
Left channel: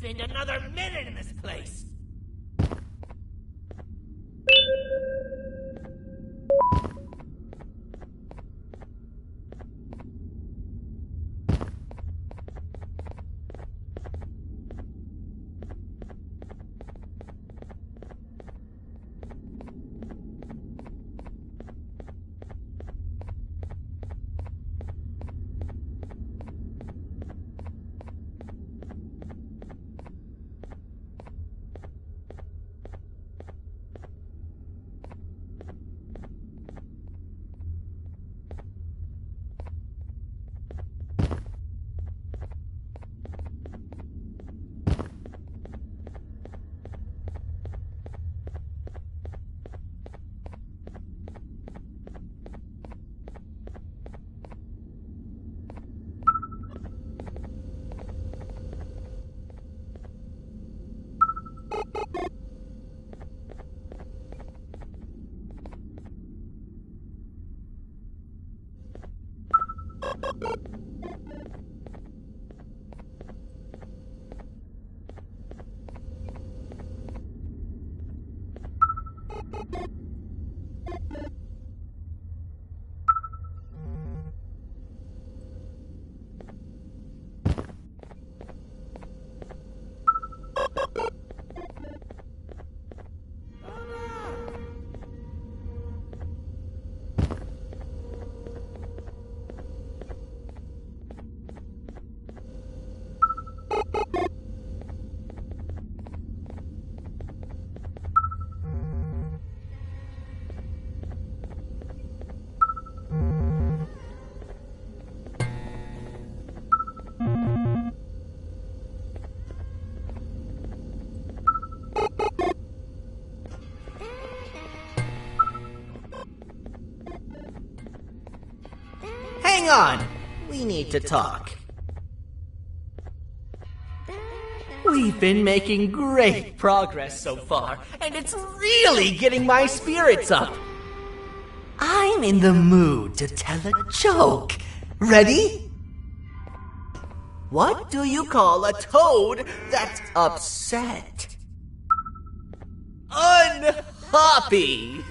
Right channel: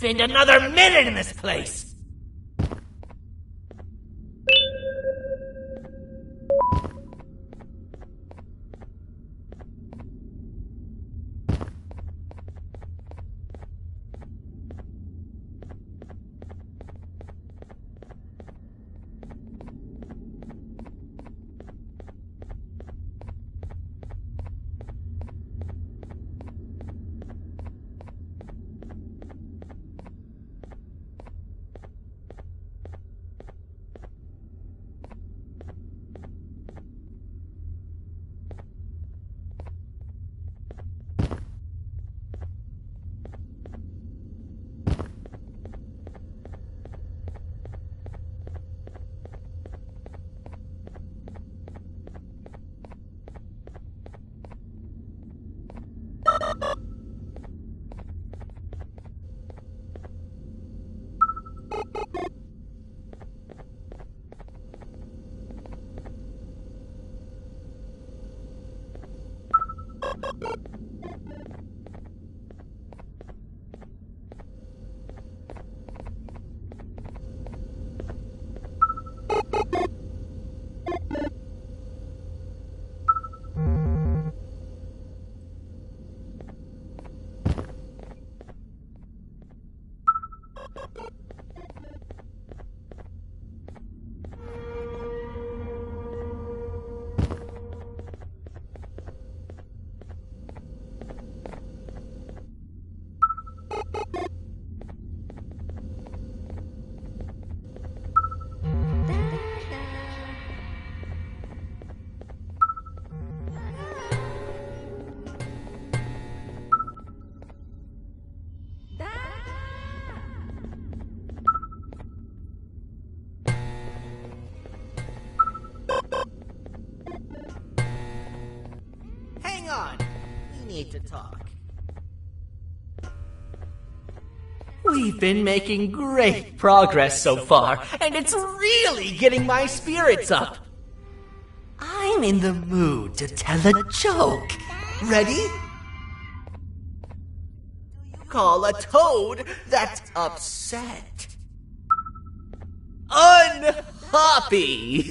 Spend another minute in this place! Hang on. We need to talk. We've been making great progress so far, and it's really getting my spirits up. I'm in the mood to tell a joke. Ready? What do you call a toad that's upset? Unhappy!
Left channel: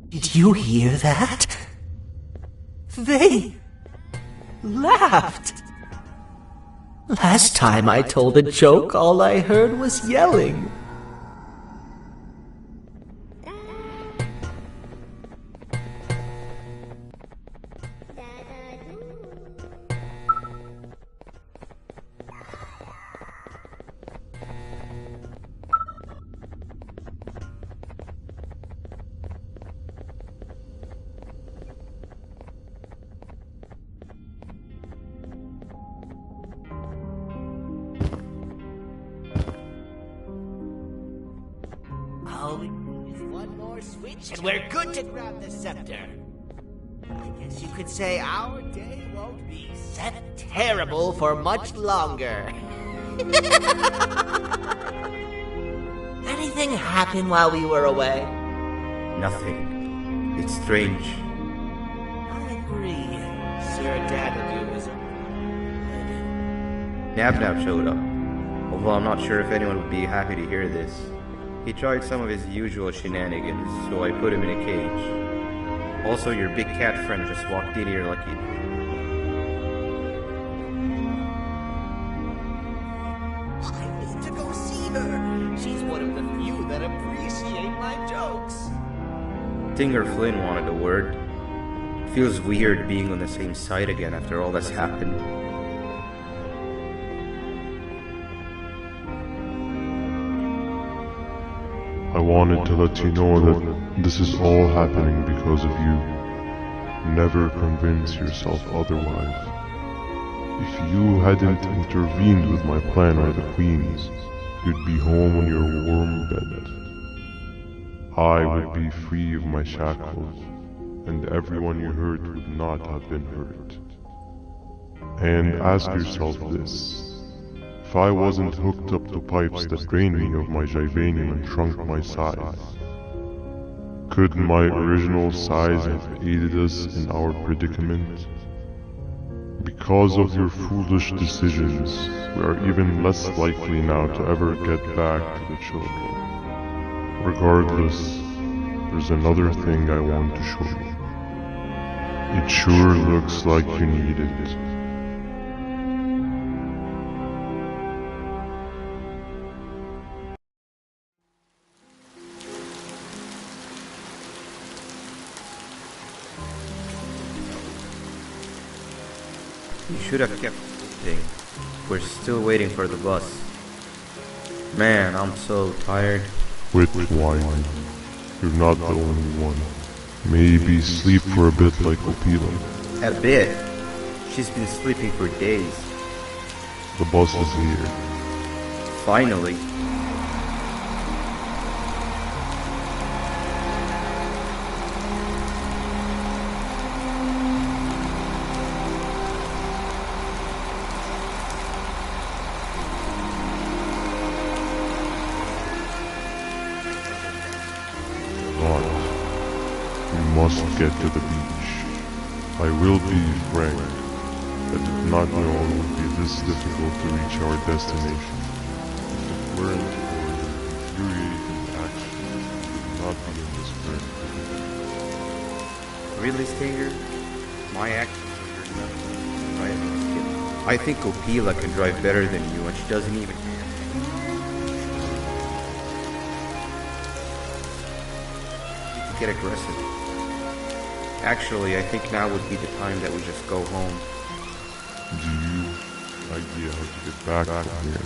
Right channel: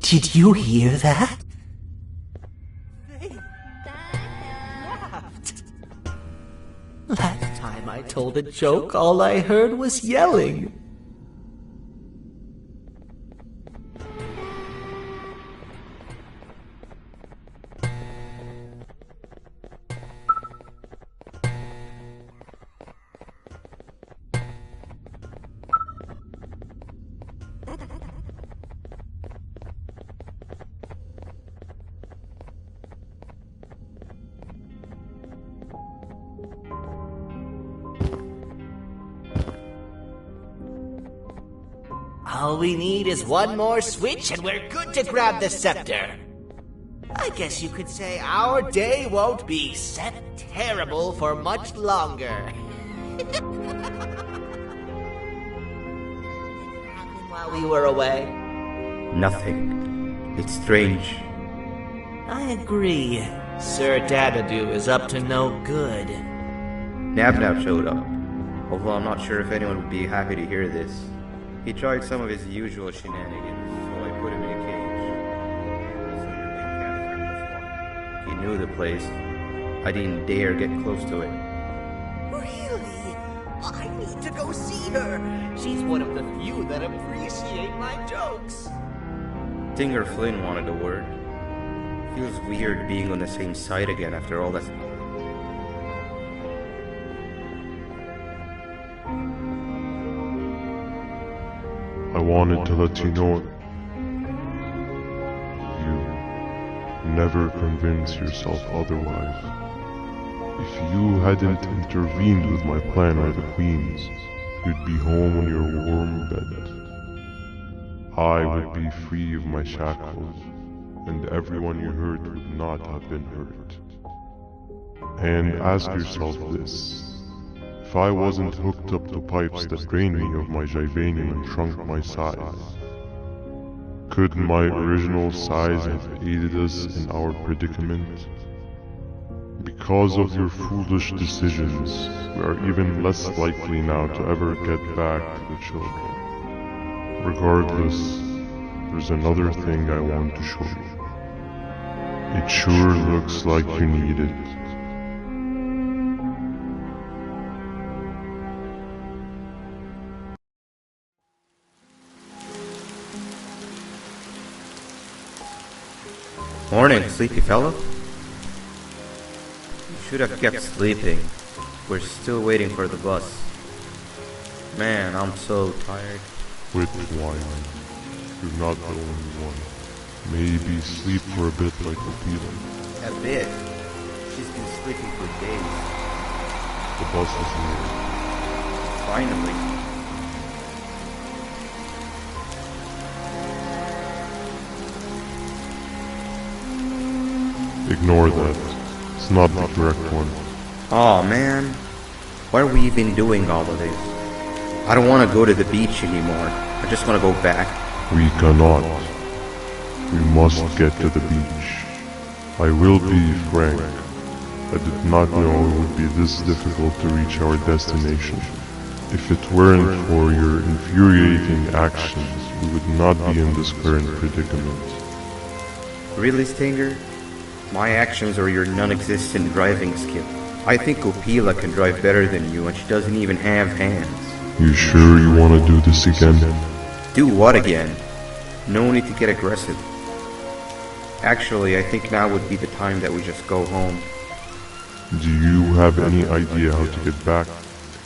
Did you hear that? They laughed. Last time I told a joke, all I heard was yelling. All we need is one more switch and we're good to grab the scepter. I guess you could say our day won't be terrible for much longer. Anything happen while we were away? Nothing. It's strange. I agree. Sir Dadadoo is up to no good. Nab showed up, although I'm not sure if anyone would be happy to hear this. He tried some of his usual shenanigans, so I put him in a cage. Also, your big cat friend just walked in here like he knew the place. I didn't dare get close to it. Really? Well, I need to go see her. She's one of the few that appreciate my jokes. Stinger Flynn wanted a word. It feels weird being on the same side again after all that's happened. I wanted to let you know that this is all happening because of you. Never convince yourself otherwise. If you hadn't intervened with my plan or the Queen's, you'd be home on your warm bed. I would be free of my shackles, and everyone you hurt would not have been hurt. And ask yourself this. If I wasn't hooked up to pipes that drained me of my Jivanium and shrunk my size, could my original size have aided us in our predicament? Because of your foolish decisions, we are even less likely now to ever get back to the children. Regardless, there's another thing I want to show you. It sure looks like you need it. Morning, sleepy fellow. You should have kept sleeping. We're still waiting for the bus. Man, I'm so tired. Quit whining. You're not the only one. Maybe sleep for a bit like Opila. A bit? She's been sleeping for days. The bus is here. Finally. Ignore that. It's not the correct one. Aw, man. Why are we even doing all of this? I don't want to go to the beach anymore. I just want to go back. We cannot. We must get to the beach. I will be frank. I did not know it would be this difficult to reach our destination. If it weren't for your infuriating actions, we would not be in this current predicament. Really, Stinger? My actions are your non-existent driving skill. I think Opila can drive better than you and she doesn't even have hands. You sure you want to do this again? Do what again? No need to get aggressive. Actually, I think now would be the time that we just go home. Do you have any idea how to get back from here?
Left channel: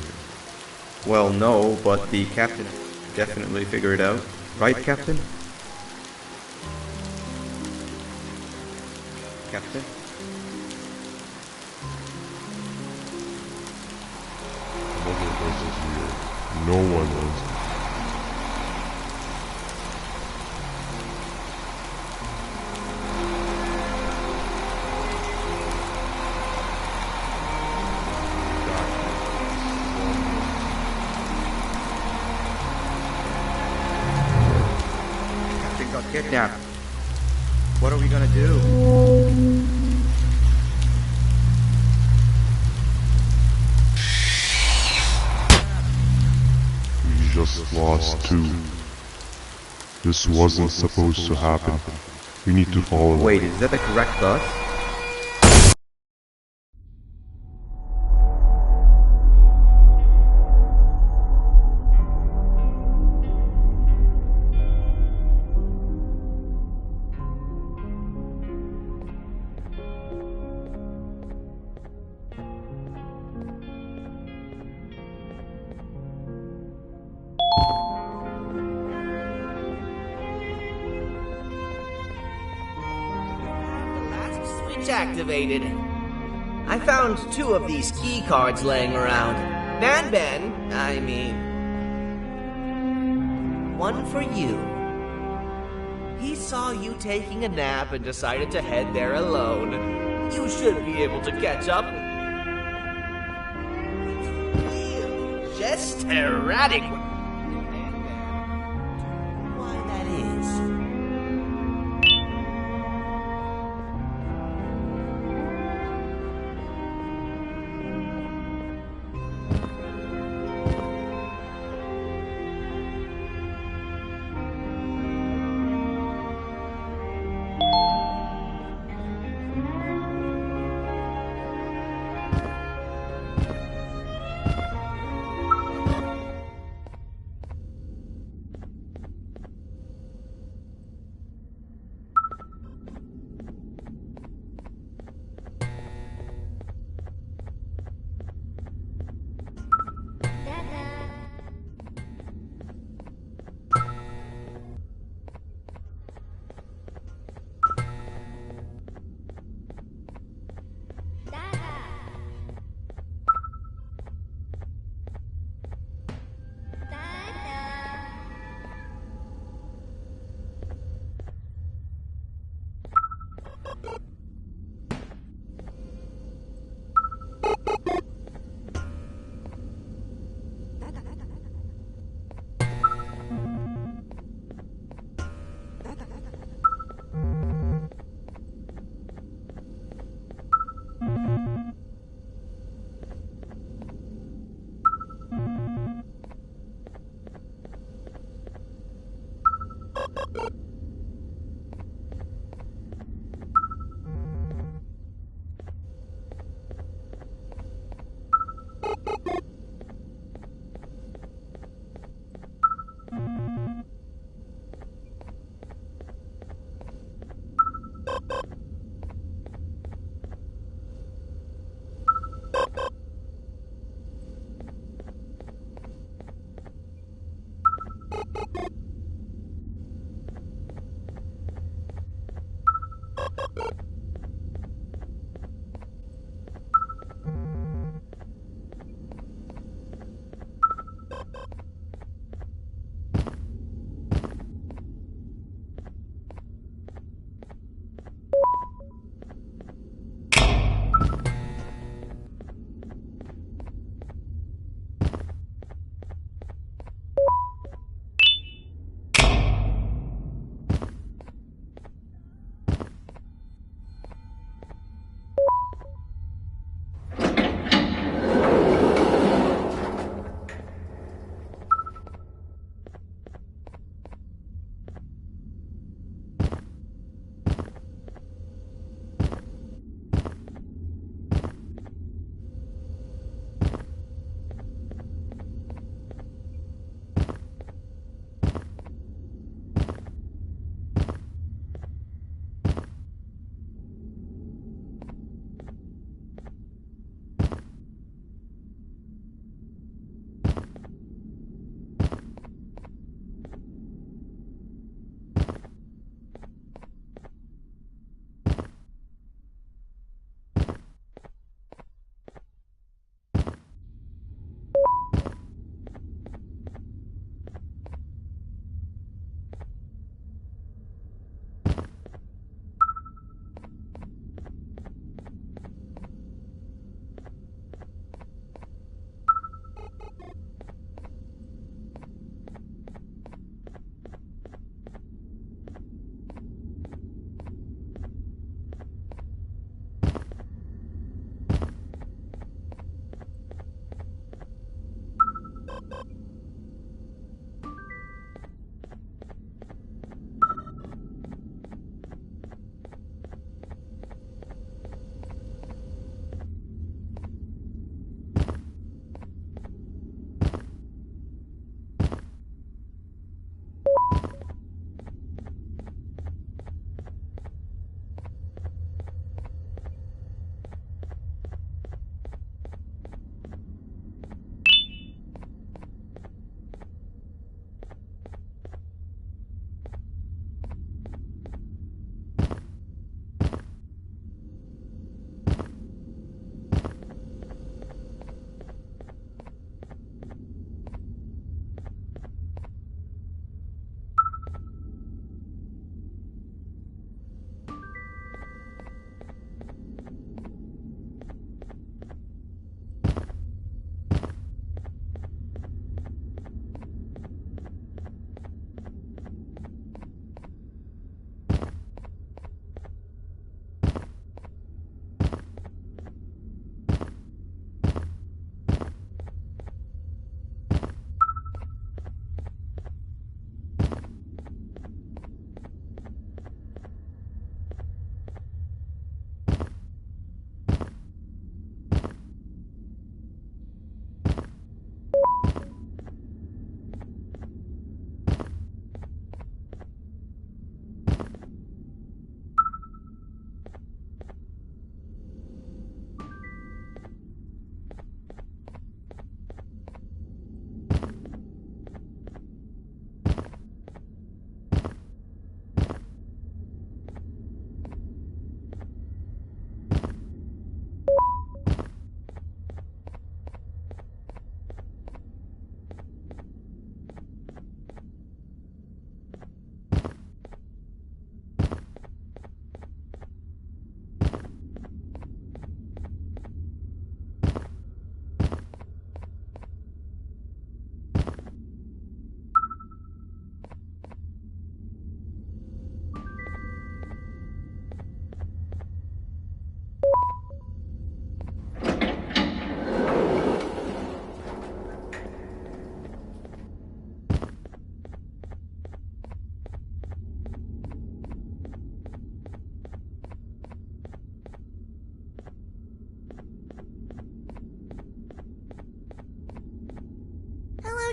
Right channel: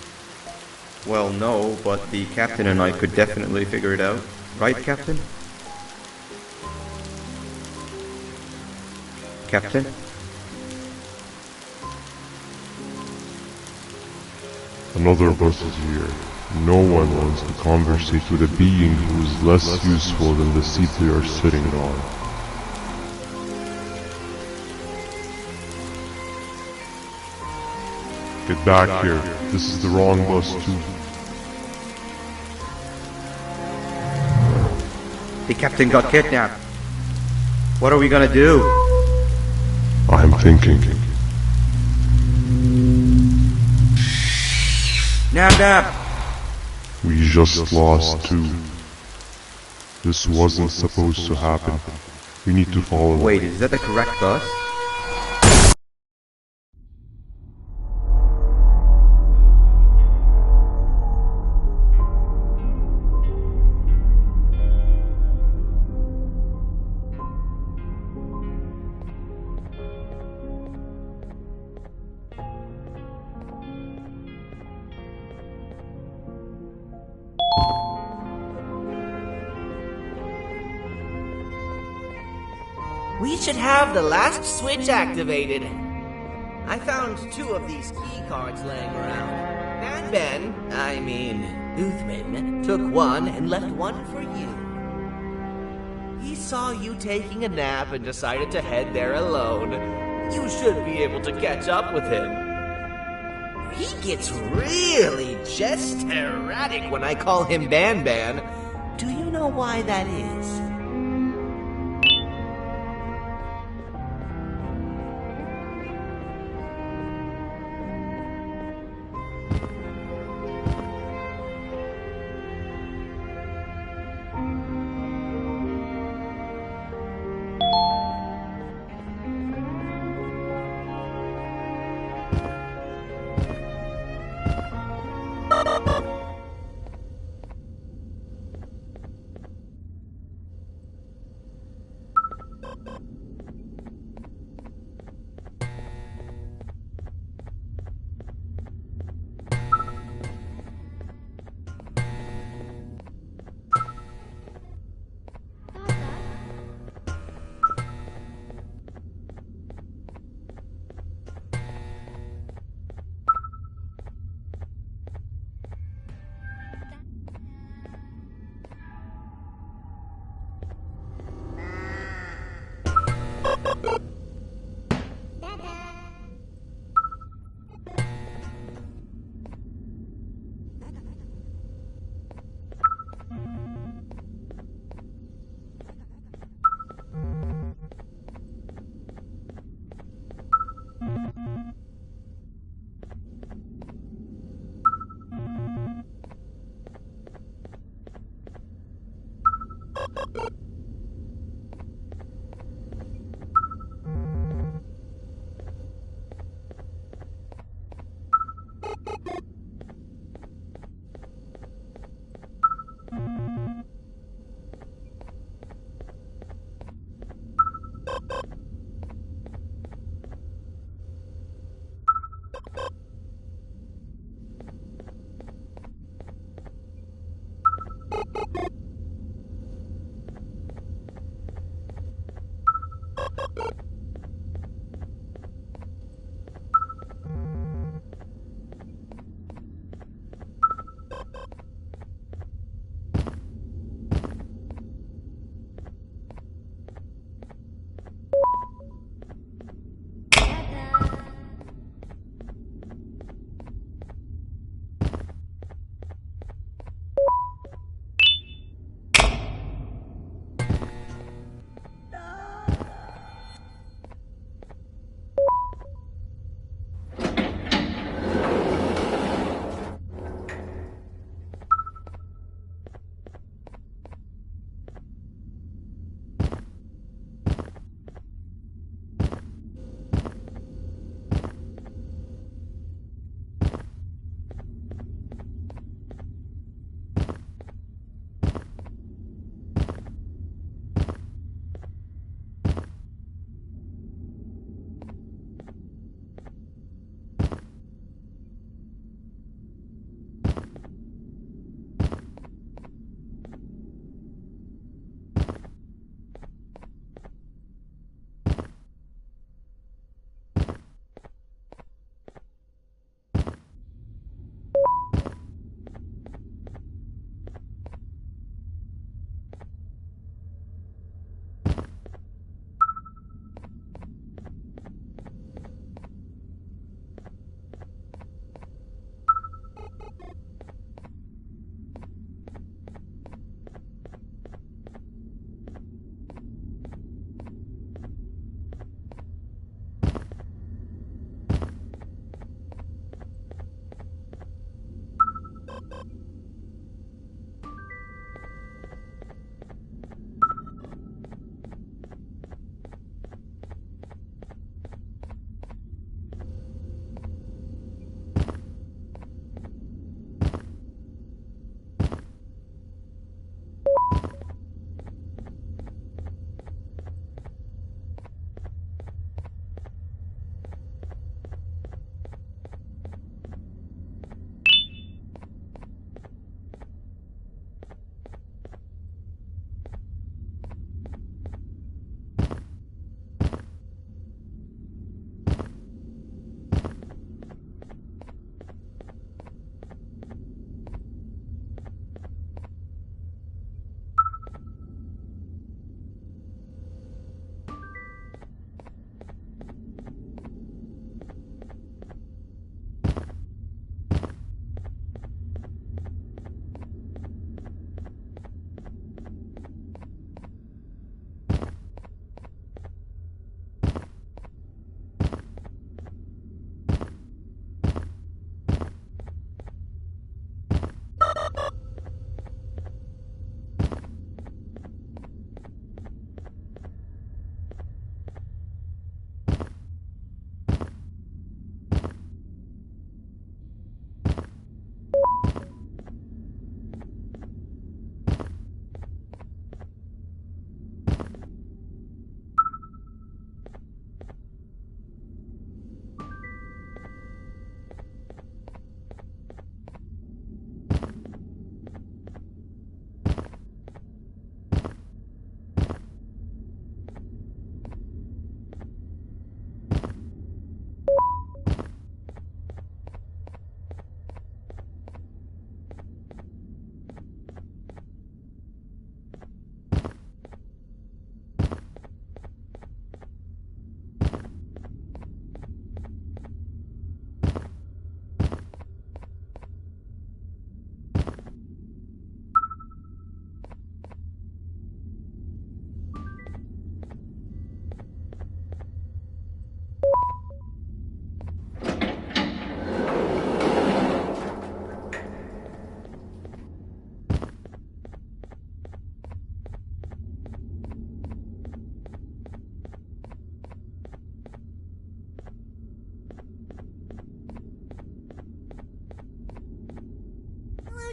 Well, no, but the captain and I could definitely figure it out. Right, Captain? Captain? Another bus is here. No one wants to conversate with a being who is less useful than the seat they are sitting on. Get back here. This is the wrong bus too. The captain got kidnapped. What are we gonna do? I'm thinking. Nap. We just lost two. This wasn't supposed to happen. We need to follow. Wait, is that the correct bus? We should have the last switch activated. I found 2 of these key cards laying around. Uthman, took one and left one for you. He saw you taking a nap and decided to head there alone. You should be able to catch up with him. He gets really just erratic when I call him Banban. Do you know why that is?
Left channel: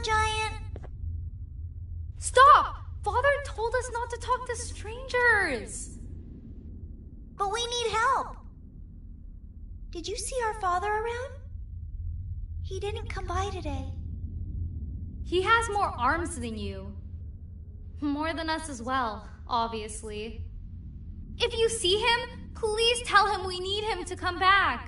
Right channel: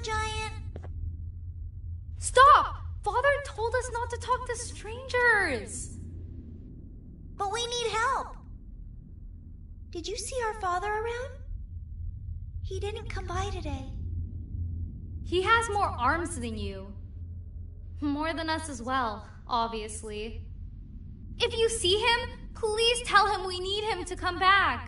giant? Stop! Father told us not to talk to strangers! But we need help. Did you see our father around? He didn't come by today. He has more arms than you. More than us as well, obviously. If you see him, please tell him we need him to come back.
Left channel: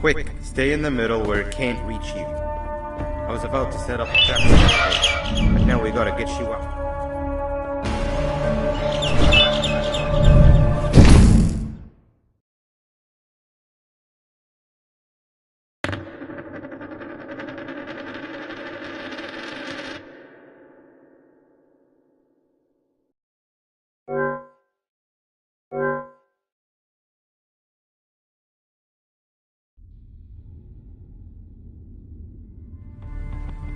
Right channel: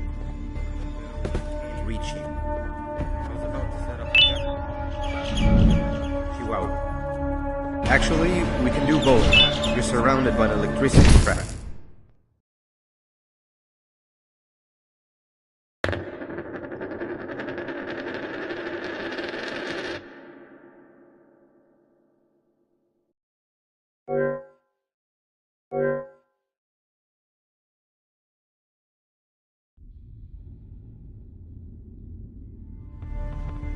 Quick, stay in the middle where it can't reach you. I was about to set up a trap, but now we gotta get you out. Actually, we can do both. You're surrounded by an electricity trap.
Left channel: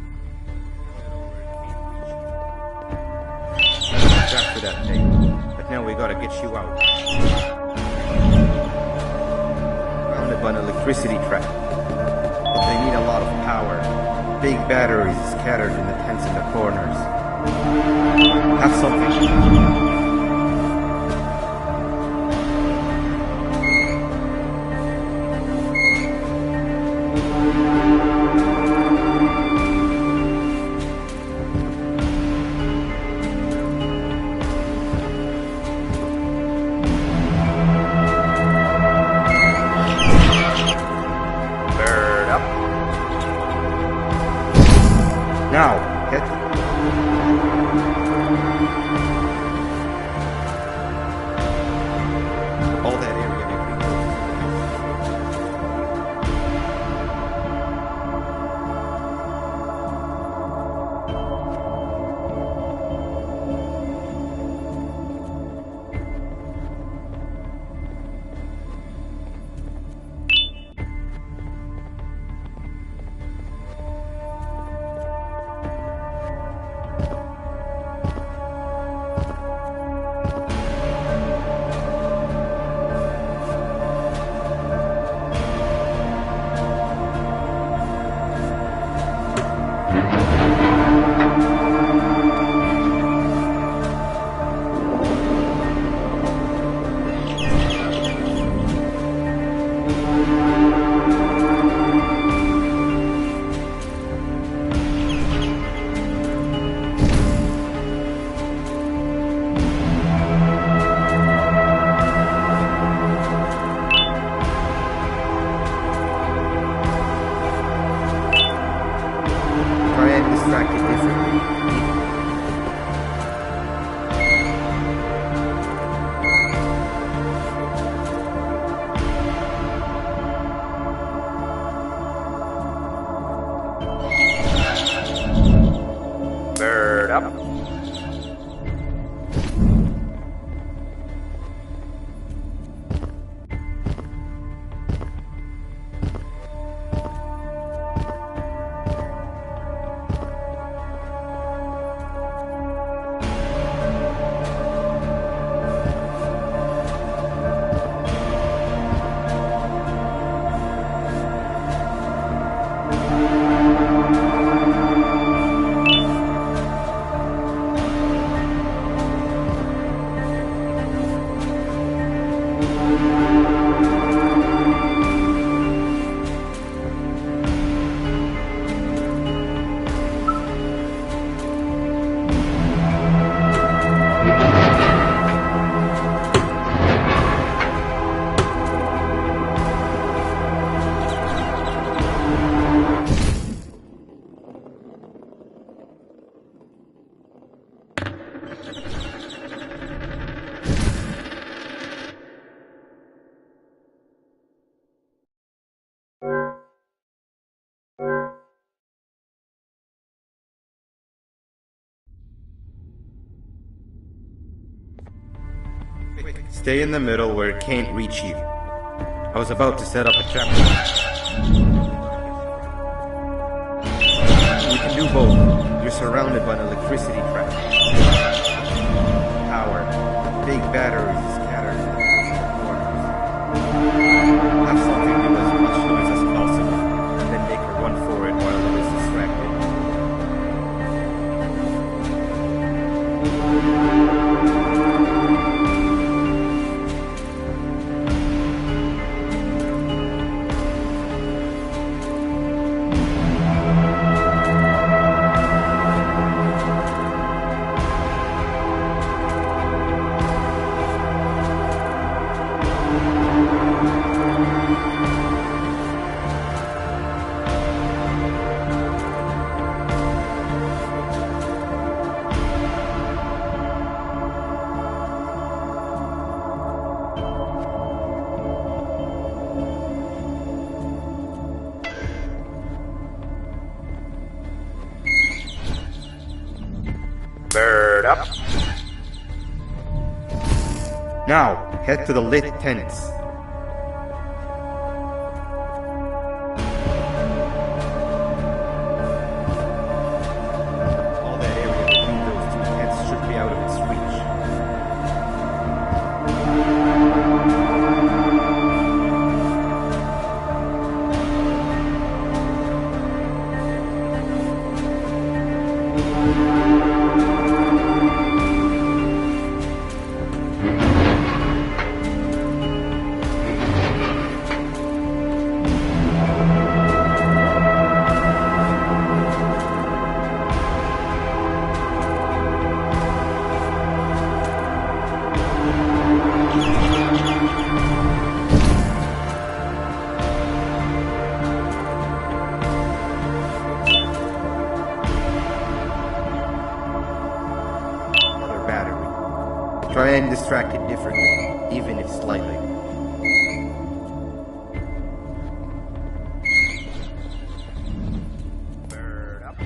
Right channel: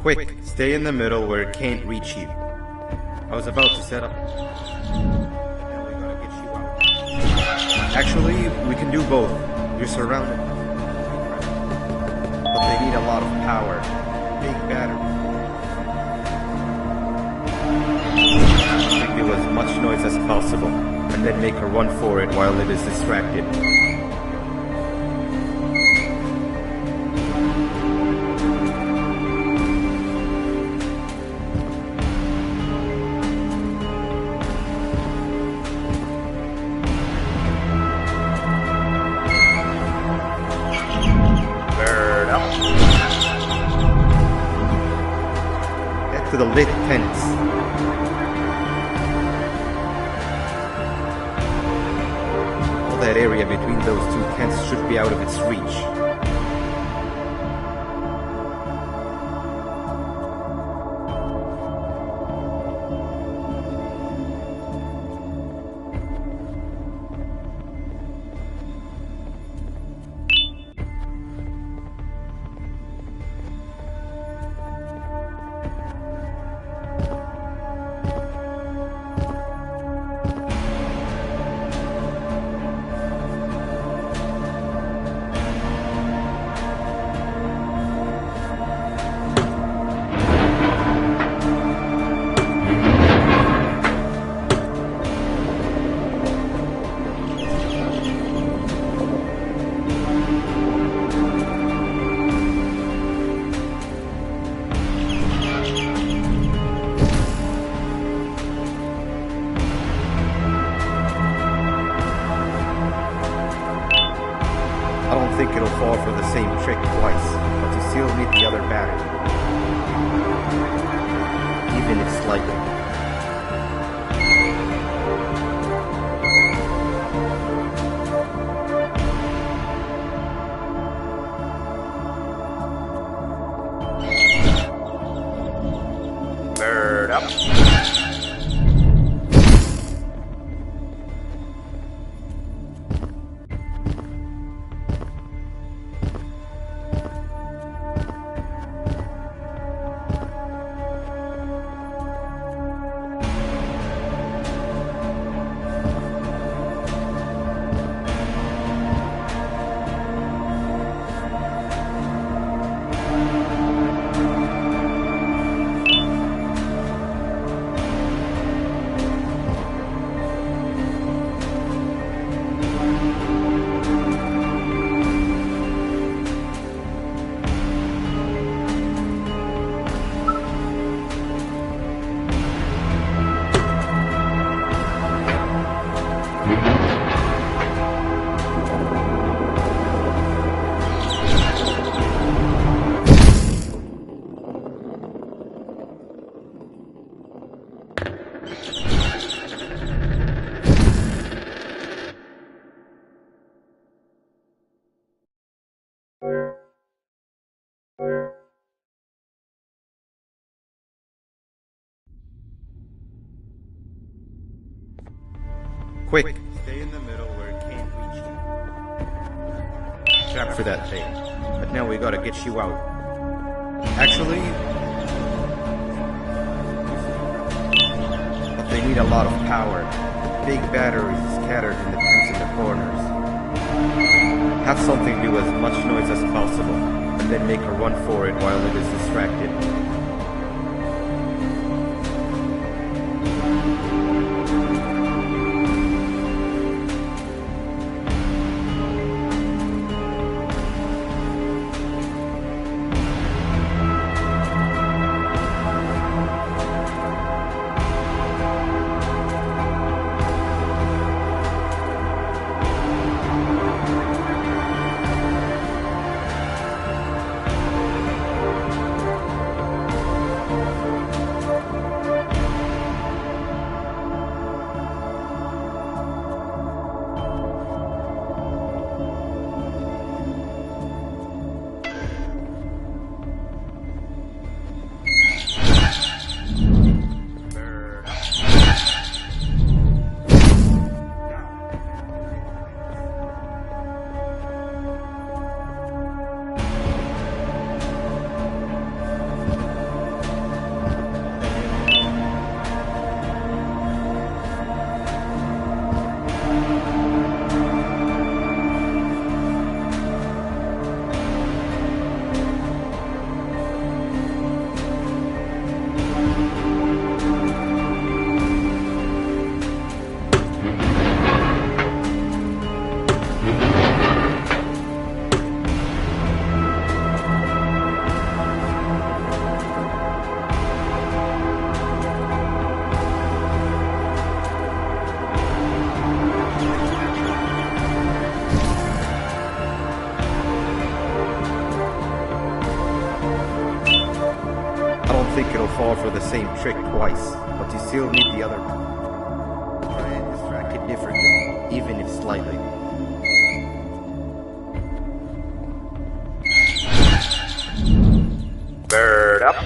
Quick, stay in the middle where it can't reach you. I was about to set up a trap for that thing, but now we gotta get you out. Actually, we can do both. You're surrounded by an electricity trap. but they need a lot of power. Big batteries scattered in the tents in the corners. Have something to do as much noise as possible, and then make her run for it while it is distracted. Now, head to the lit tents. All that area between those two tents should be out of its reach. Up. Quick, stay in the middle where it can't reach you. I was about to set up a trap for that thing, but now we gotta get you out. Actually, we can do both. You're surrounded by an electricity trap, but they need a lot of power. Big batteries scattered in the tents in the corners. Have something do as much noise as possible, and then make her run for it while it is distracted. Bird up. Now, head to the lit tents. All that area between those two tents should be out of its reach. fall for the same trick twice, but you still need the other battery. Try and distract it differently, even if slightly. Bird up.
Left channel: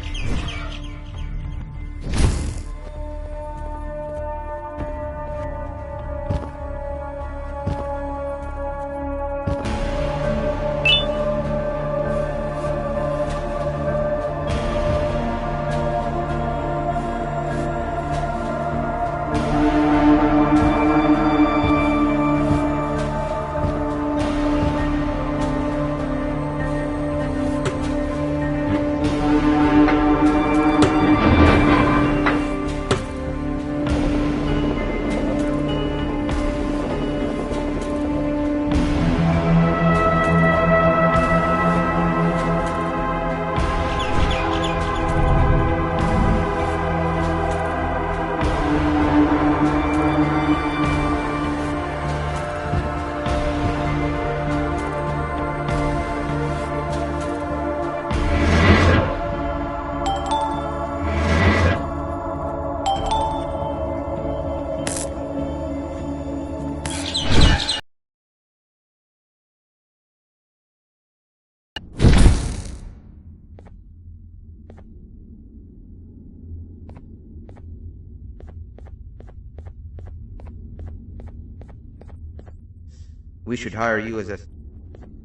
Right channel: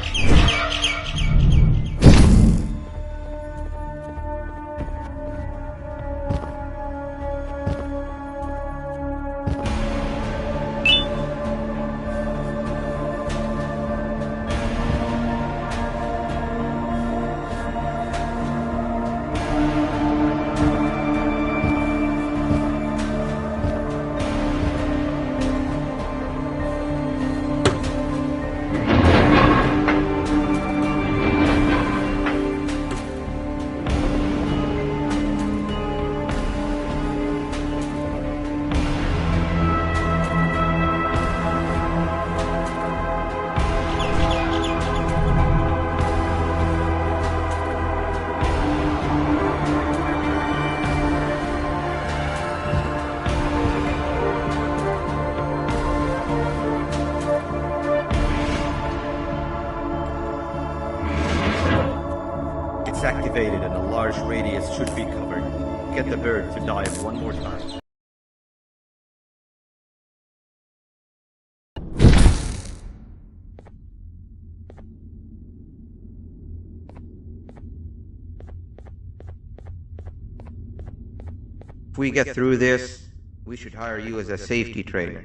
If we get through this, we should hire you as a safety trainer.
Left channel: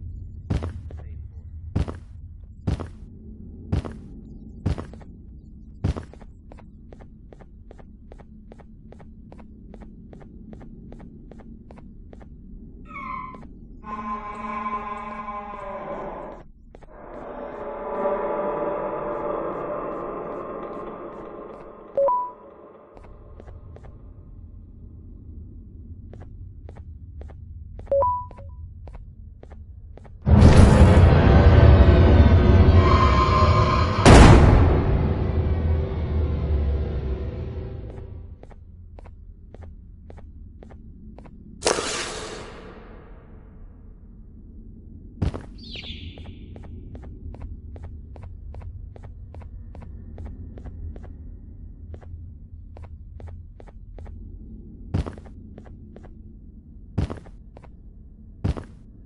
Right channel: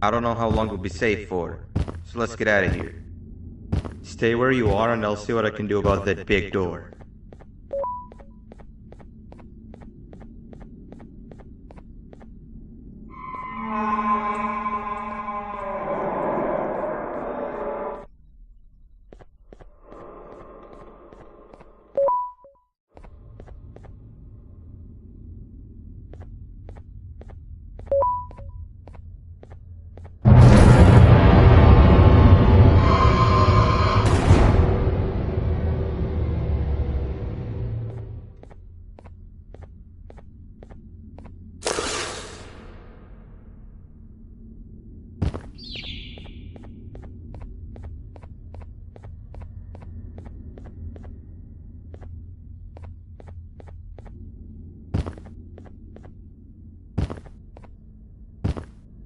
I don't know how long we'll be safe for, so let's get out of here. Stay where you are and I'll see what I can do about that big door.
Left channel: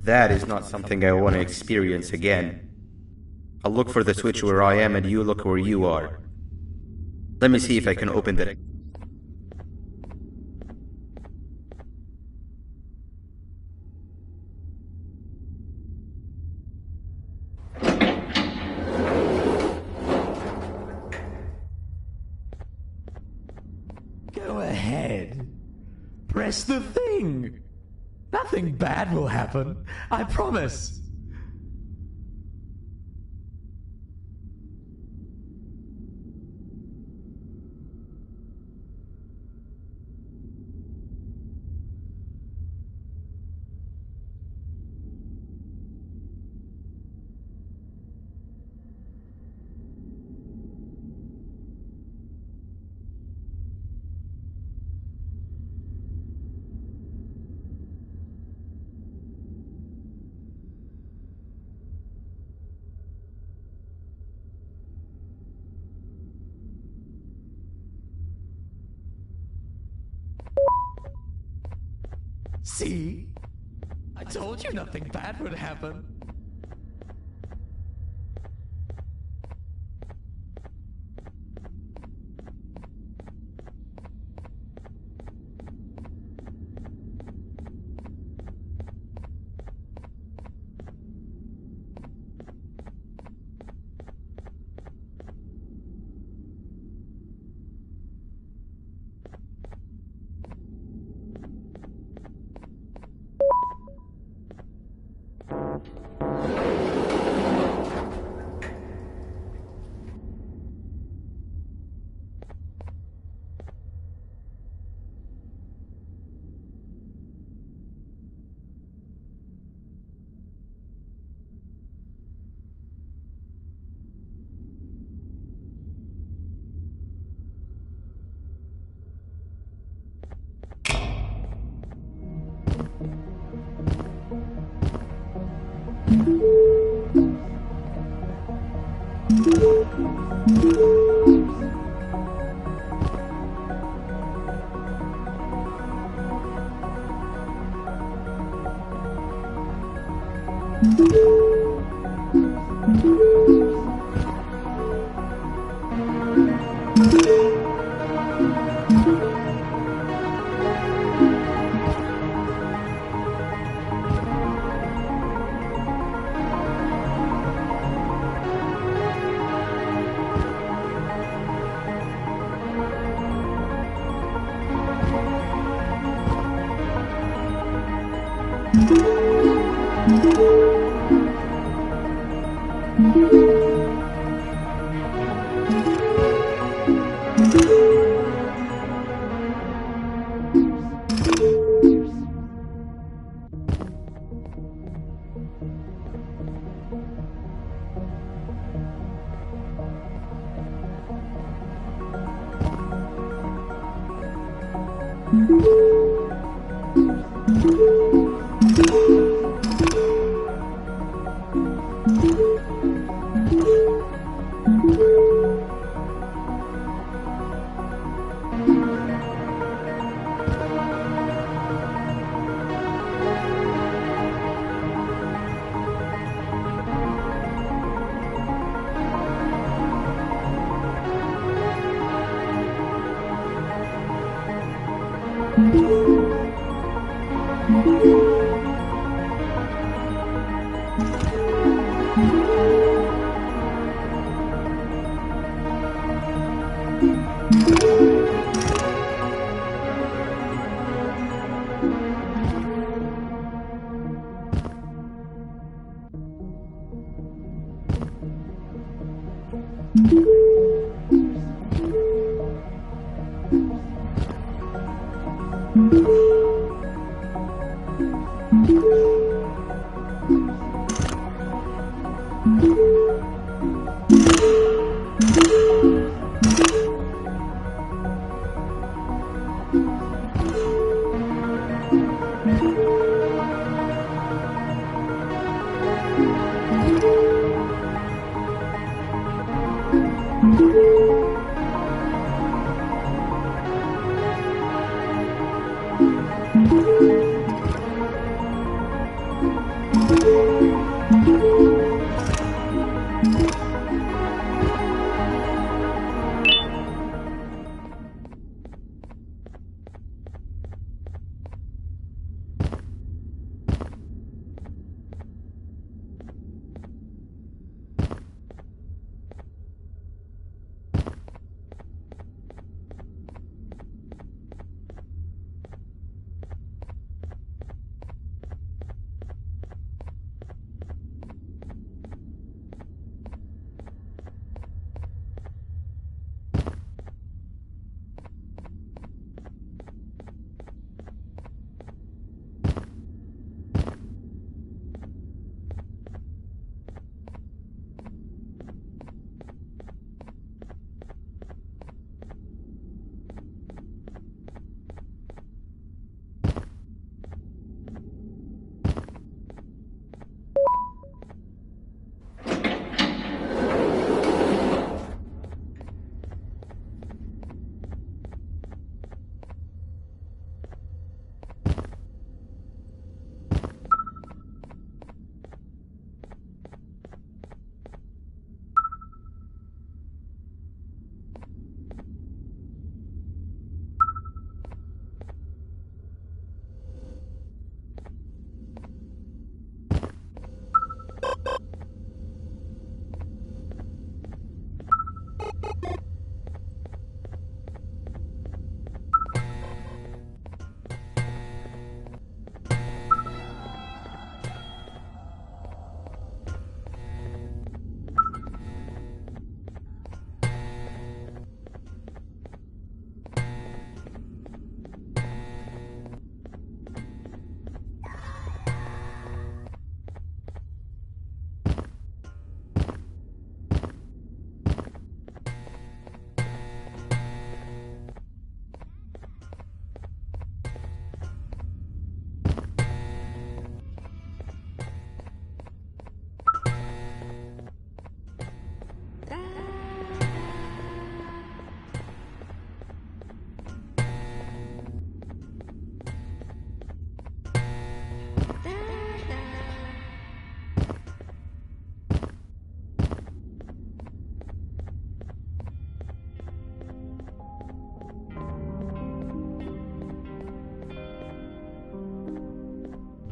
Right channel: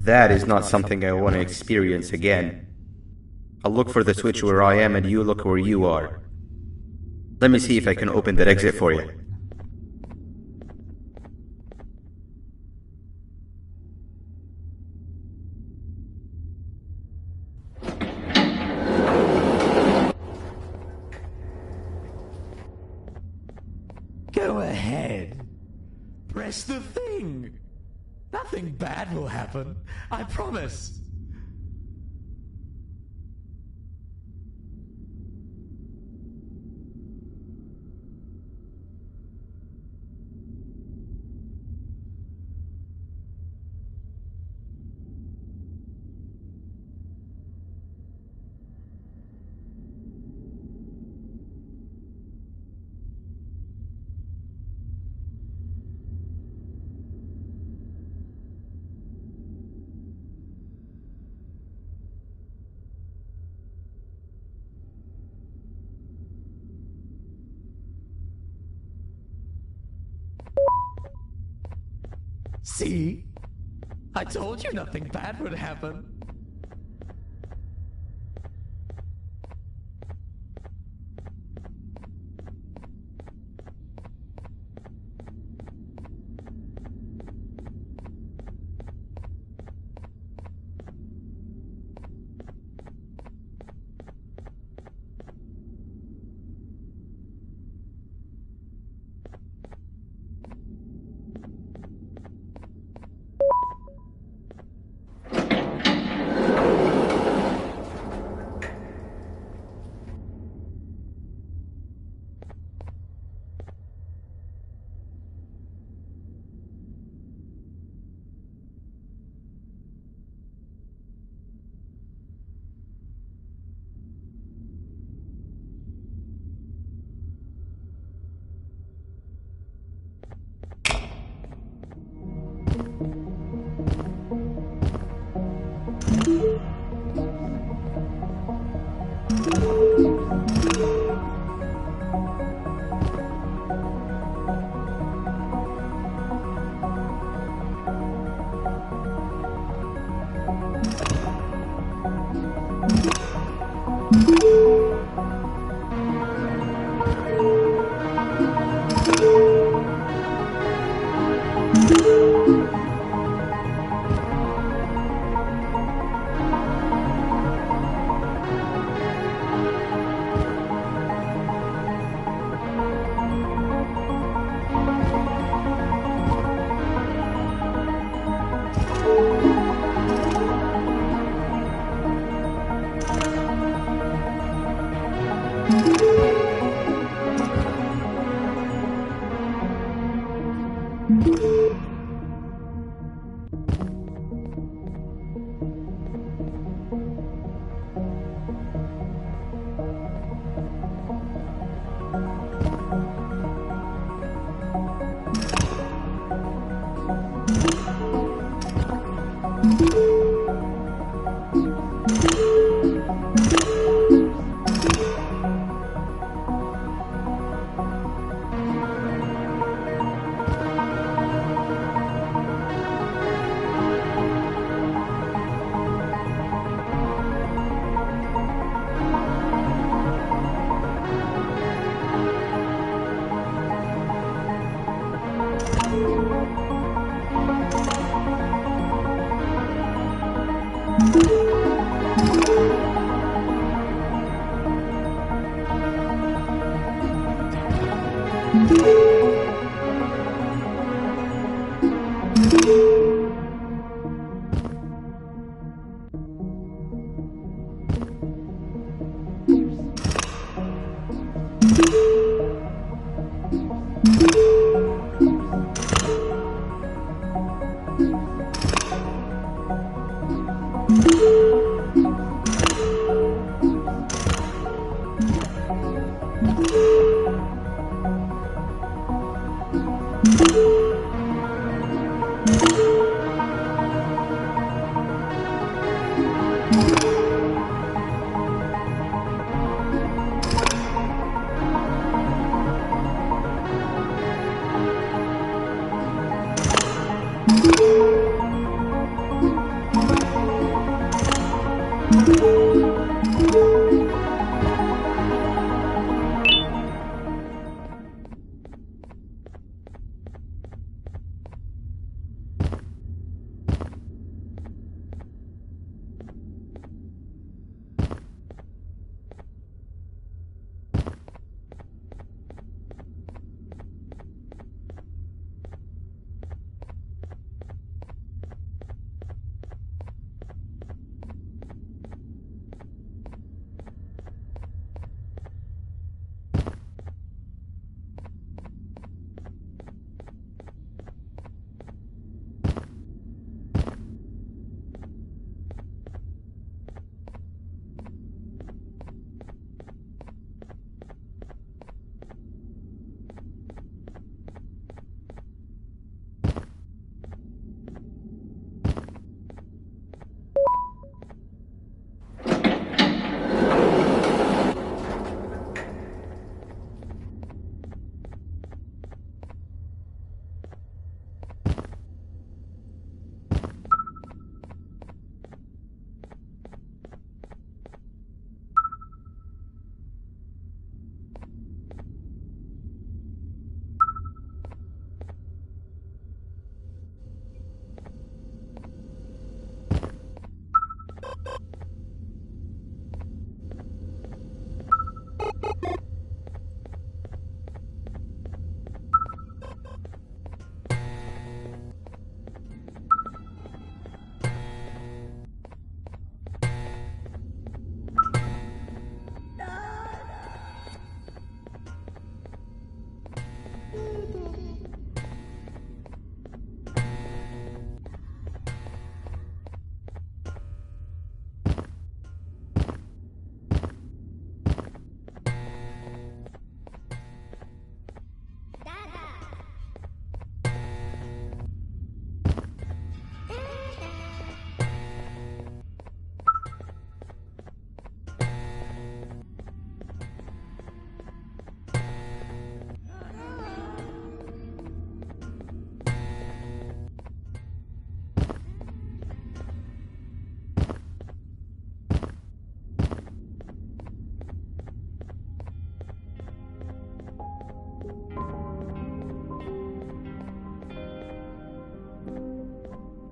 That is not something I want to experience again. I'll look for the switch where I am and you look where you are. Let me see if I can open that exit for you. Go ahead. Press the thing. Nothing bad will happen. I promise. See? I told you nothing bad would happen.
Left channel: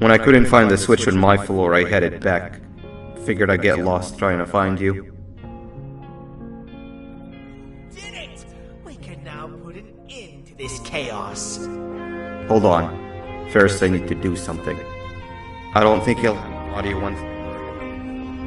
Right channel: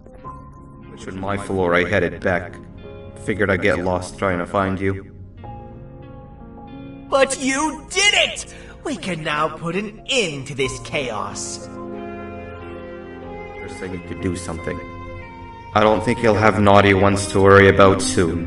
When I couldn't find the switch on my floor, I headed back. Figured I'd get lost trying to find you. But you did it! We can now put an end to this chaos. Hold on. First I need to do something. I don't think he'll have naughty ones to worry about soon.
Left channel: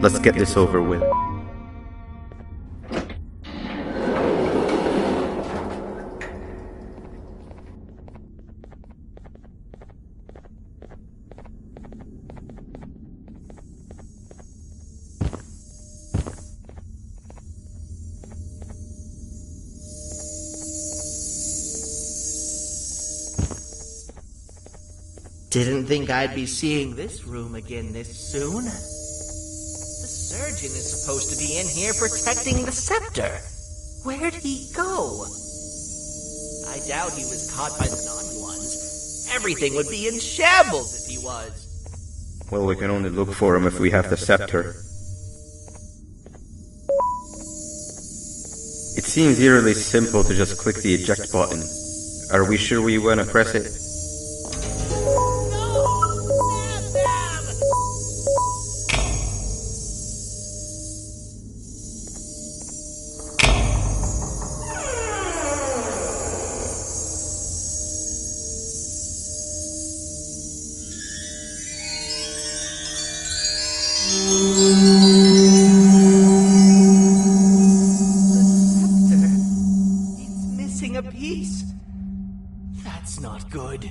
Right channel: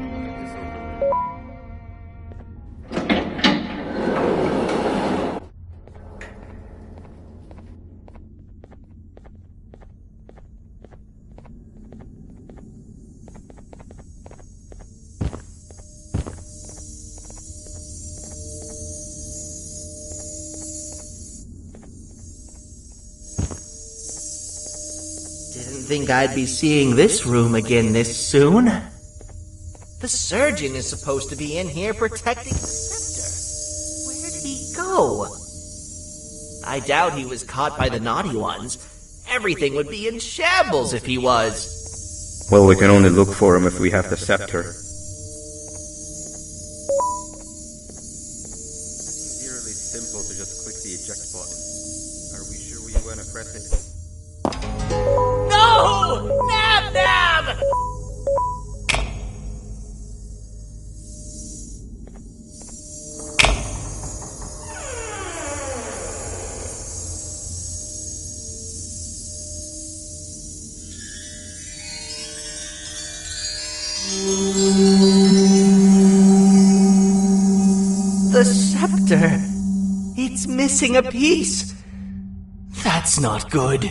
Let's get this over with. Didn't think I'd be seeing this room again this soon. The surgeon is supposed to be in here protecting the scepter. Where'd he go? I doubt he was caught by the naughty ones. Everything would be in shambles if he was. Well, we can only look for him if we have the scepter. It seems eerily simple to just click the eject button. Are we sure we want to press it? The scepter. It's missing a piece. That's not good.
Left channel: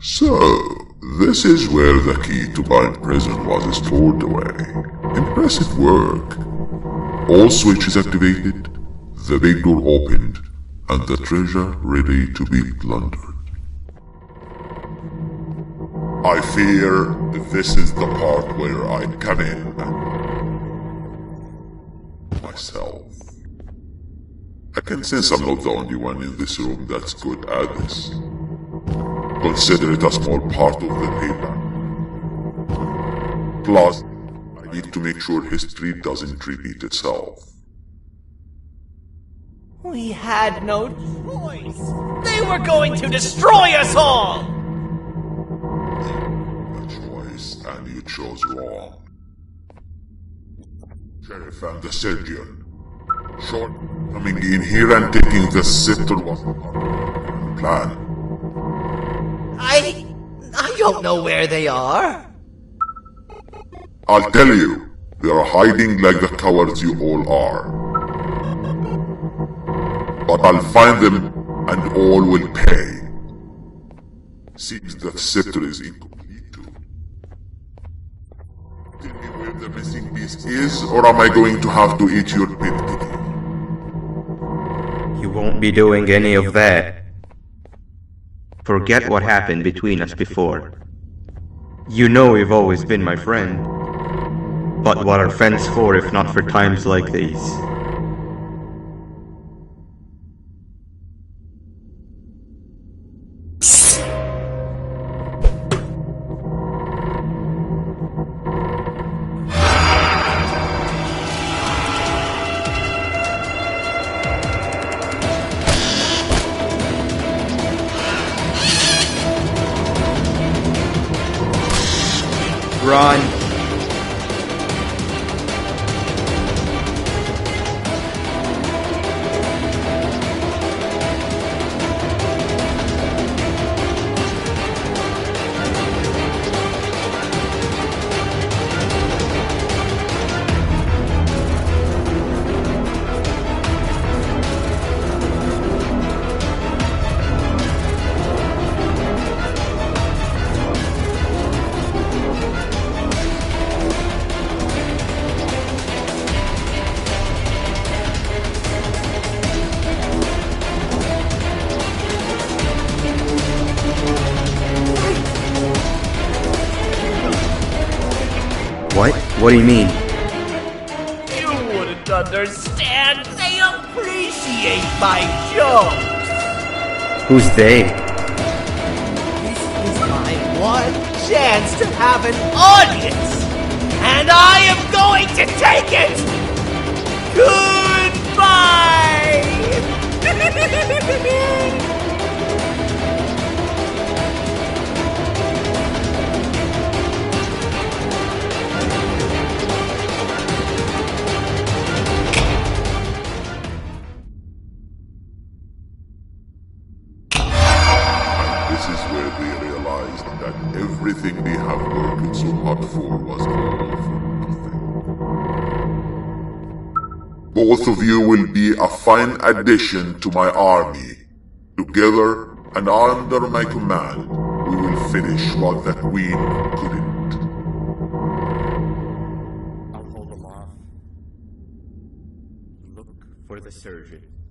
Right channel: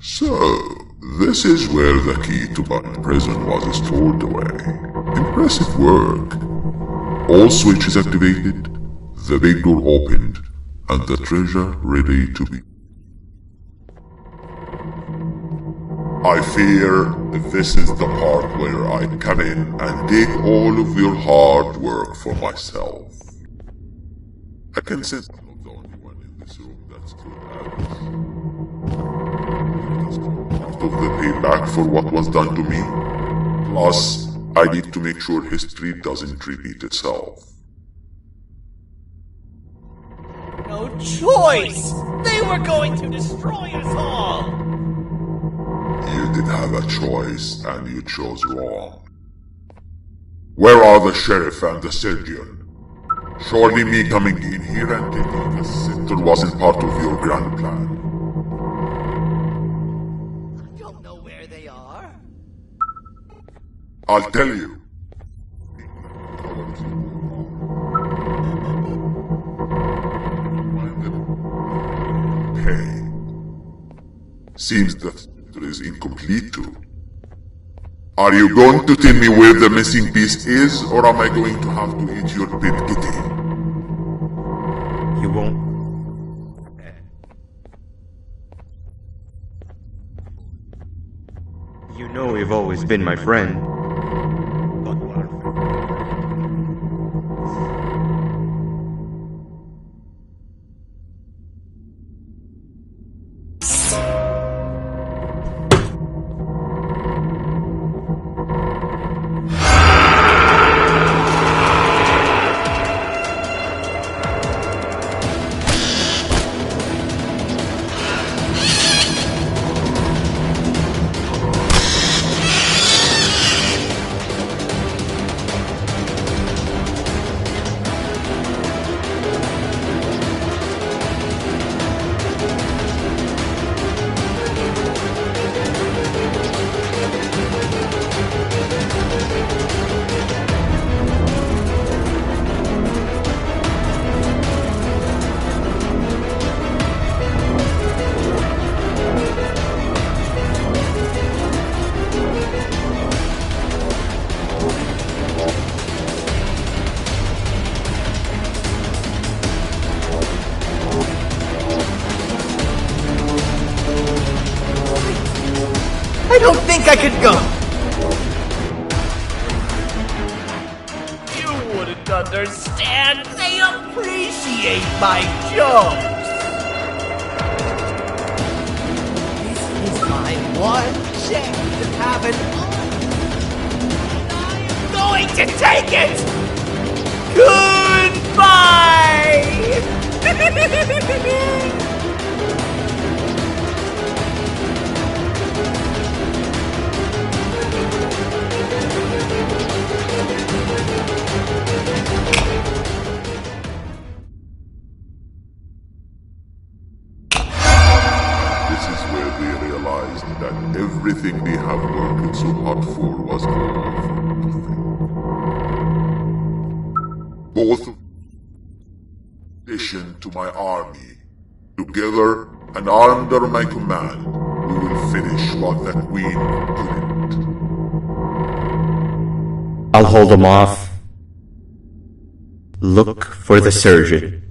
So, this is where the key to Bind Prison was stored away. Impressive work. All switches activated, the big door opened, and the treasure ready to be plundered. I fear this is the part where I come in and take all of your hard work for myself. I can sense I'm not the only one in this room that's good at this. Consider it a small part of the payback for what was done to me. Plus, I need to make sure history doesn't repeat itself. We had no choice! They were going to destroy us all! You did have a choice, and you chose wrong. Where are the sheriff and the surgeon? Surely me coming in here and taking the scepter wasn't part of your grand plan. I don't know where they are. I'll tell you, they are hiding like the cowards you all are. But I'll find them, and all will pay. Seems the scepter is incomplete too. Are you going to tell me where the missing piece is, or am I going to have to eat your pet kitty? You won't be doing any of that. Forget what happened between us before. You know you've always been my friend. But what are friends for if not for times like these? I don't think I could go. What? What do you mean? You wouldn't understand. They appreciate my jokes. Who's they? This is my one chance to have an audience. And I am going to take it. Goodbye. everything they have worked so hard for was all for nothing. Both of you will be a fine addition to my army. Together and under my command, we will finish what the Queen couldn't. I'll hold him off. Look for the surgeon.